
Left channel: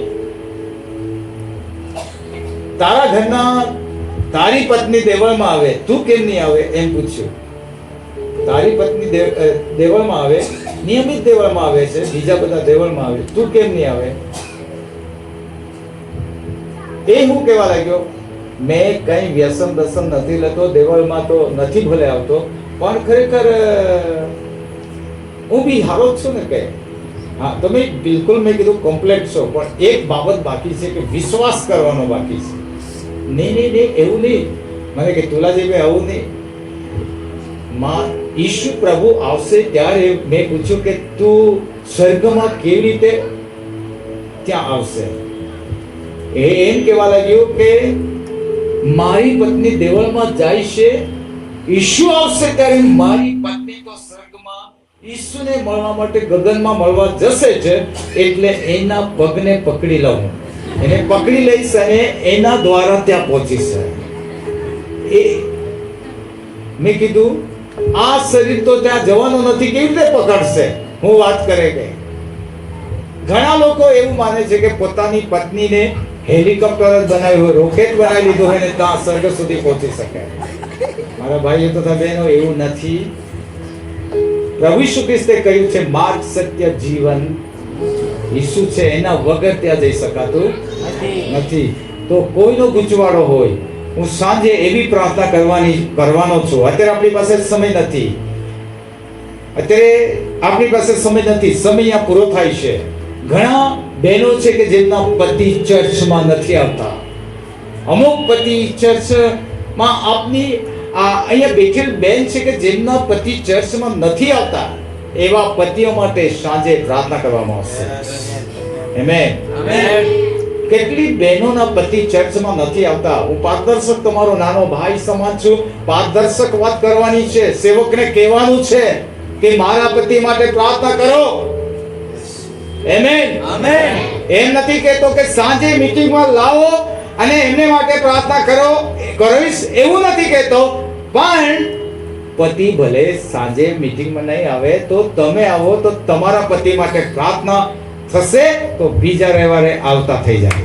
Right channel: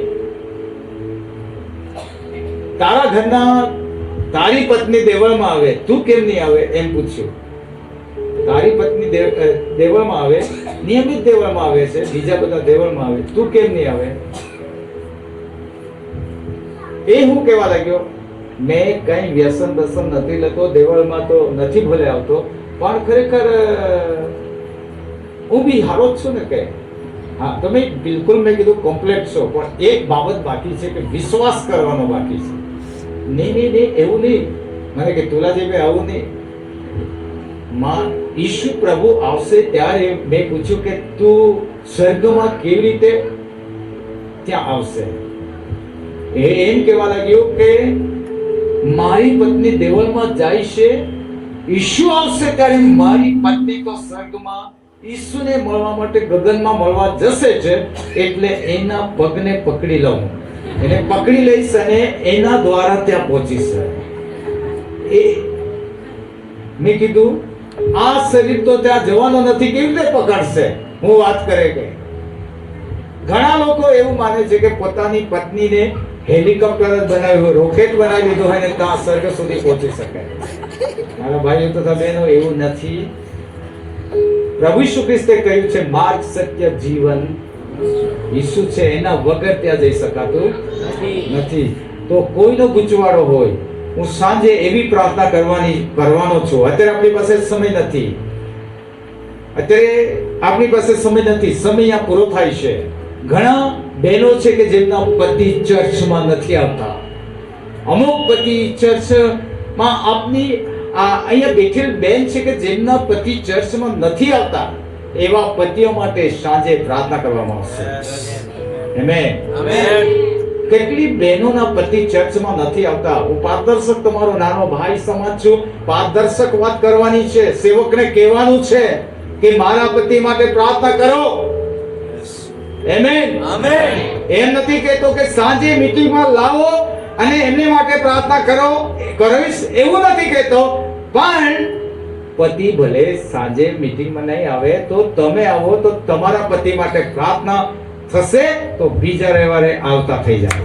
તારા ઘરના તારી પત્ની દેવળમાં આવે, તું કેમ નહીં આવે? એમ પૂછ્યું. તારી પત્ની દેવળમાં આવે, નિયમિત દેવળમાં આવે છે, બીજા બધા દેવળમાં આવે, તું કેમ નહીં આવે? એ હું કહેવા લાગ્યો, મેં કઈ વ્યસન દર્શન નથી લેતો, દેવળમાં તો નથી ભલે આવતો, પણ ખરેખર હું બી હારો જ છું ને. કે હા, તમે બિલકુલ મેં કીધું કમ્પ્લેટ છો, પણ એક બાબત બાકી છે કે વિશ્વાસ કરવાનો બાકી છે. નહીં, એવું નહીં. મને કે તુલાજીભાઈ આવું નહીં. ઈશુ પ્રભુ આવશે ત્યારે મેં પૂછ્યું કે તું સ્વર્ગમાં કેવી રીતે ત્યાં આવશે? એમ કહેવા લાગ્યો કે મારી પત્ની દેવળમાં જાય છે, ઈશુ આવશે ત્યારે મારી પત્ની તો સ્વર્ગમાં ઈશુને મળવા માટે ગગનમાં મળવા જશે છે, એટલે એના પગને પકડી લઉં, એને પકડી લઈશ અને એના દ્વારા ત્યાં પહોંચીશ. એ મેં કીધું આ શરીર તો ત્યાં જવાનું નથી, કેવી રીતે પકડશે? હું વાત કરે કે ઘણા લોકો એવું માને છે કે પોતાની પત્નીને હેલિકોપ્ટર જ બનાવ્યું, રોકેટ બનાવી લીધું હોય ને ત્યાં સ્વર્ગ સુધી પહોંચી શકે. મારા ભાઈઓ તથા બહેનો, એવું નથી. પ્રભુ ઈસુ ખ્રિસ્તે કહ્યું છે માર્ગ, સત્ય, જીવન ઈસુ છે, એના વગર ત્યાં જઈ શકાતું નથી. તો કોઈનો ગુચવાડો હોય, હું સાંજે એવી પ્રાર્થના કરવાનો છું. અત્યારે આપણી પાસે સમય નથી, સમય આ પૂરો થાય છે. ઘણા બહેનો છે કે જેમના પતિ ચર્ચમાં નથી આવતા. અમુક પતિ ચર્ચમાં આપની અહીંયા બેઠેલ બેન છે કે જેમના પતિ ચર્ચમાં નથી આવતા. એવા પતિઓ માટે સાંજે પ્રાર્થના કરવામાં આવશે. આમેન. કેટલી બહેનોના પતિ ચર્ચમાં નથી આવતા. હું પારદર્શક તમારો નાનો ભાઈ સમાજ છું. પારદર્શક વાત કરવાની છે. સેવકને કહેવાનું છે કે મારા પતિ માટે પ્રાર્થના કરો. આમેન. એમ નથી કહેતો કે સાંજે મીટિંગમાં લાવો અને એમને માટે પ્રાર્થના કરીશ, એવું નથી કહેતો. પણ પતિ ભલે સાંજે મીટિંગમાં નહીં આવે તો તમે આવો તો તમારા પતિ માટે પ્રાર્થના થશે, તો બીજા રવિવારે આવતા થઈ જાય.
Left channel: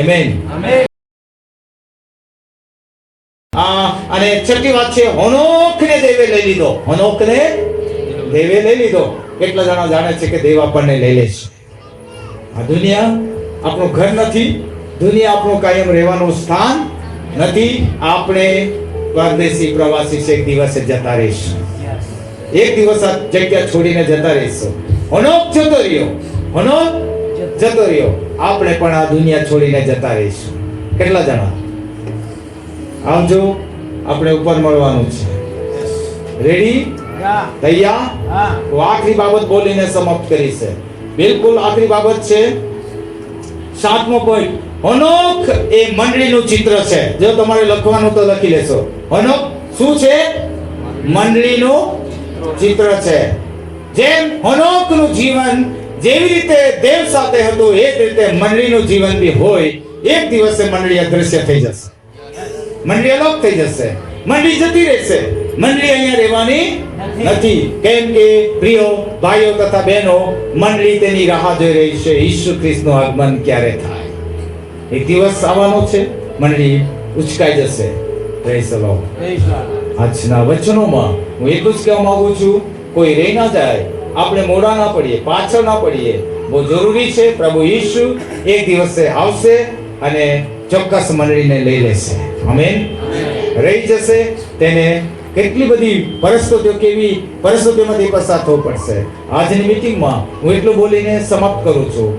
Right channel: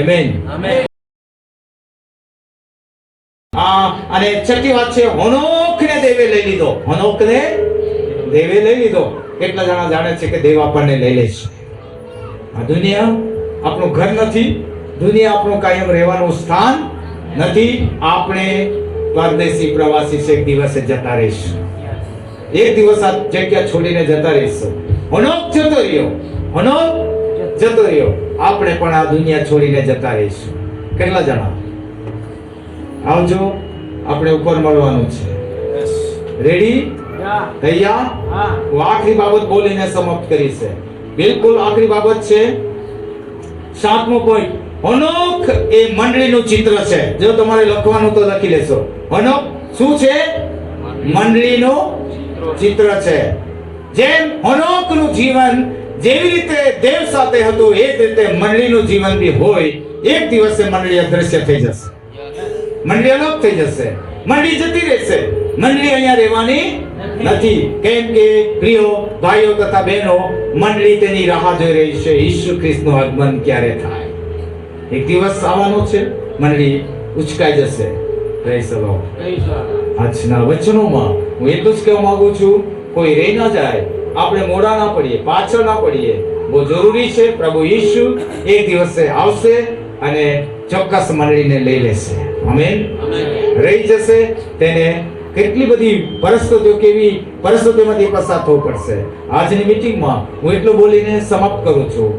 આમેન. અને છઠ્ઠી વાત છે, હનોકને દેવે લઈ લીધો. હનોકને દેવે લઈ લીધો. કેટલા જણા જાણે છે કે દેવ આપણને લઈ લે છે? આ દુનિયા આપણું ઘર નથી, દુનિયા આપણું કાયમ રહેવાનું સ્થાન નથી. આપણે પરદેશી પ્રવાસી છે, એક દિવસે જતા રહીશું. એક દિવસ આ જગ્યા છોડીને જતા રહીશું. હનોક જતો રહ્યો. આપણે પણ આ દુનિયા છોડીને જતા રહીશું. કેટલા જણા? આવજો, આપણે ઉપર મળવાનું છે. રેડી? તૈયાર? તો આખરી બાબત બોલીને સમાપ્ત કરી છે. બિલકુલ આખરી બાબત છે. 7મો પોઈન્ટ, હનોક એ મંડળીનું ચિત્ર છે. જો તમારે લખવાનું તો લખી લેશો. હનોક શું છે? મંડળીનું ચિત્ર છે. જેમ હનોકનું જીવન જેવી રીતે દેવ સાથે હતું, એ જ રીતે મંડળીનું જીવન બી હોય. એક દિવસે મંડળી અદ્રશ્ય થઈ જશે, મંડળી અલોપ થઈ જશે, મંડળી જતી રહેશે. મંડળી અહીંયા રહેવાની નથી. કેમ કે પ્રિયો ભાઈઓ તથા બહેનો, મંડળી તેની રાહ જોઈ રહી છે. ઈસુ ખ્રિસ્તનું આગમન ક્યારે થાય? એક દિવસ આવવાનો છે, મંડળી ઉચકાઈ જશે. Praise the lord. આજના વચનોમાં હું એટલું જ કહેવા માંગુ છું, કોઈ રહી ના જાય, આપણે મોડા ના પડીએ, પાછળ ના પડીએ. બહુ જરૂરી છે. પ્રભુ ઈસુ એક દિવસે આવશે અને ચોક્કસ મંડળીને લઈ લેશે. આમેન. રહી જશે તેને કેટલી બધી પરિસ્થિતિઓ, કેવી પરિસ્થિતિઓમાંથી પસાર થવું પડશે. આજની મીટિંગમાં હું એટલું બોલીને સમાપ્ત કરું છું.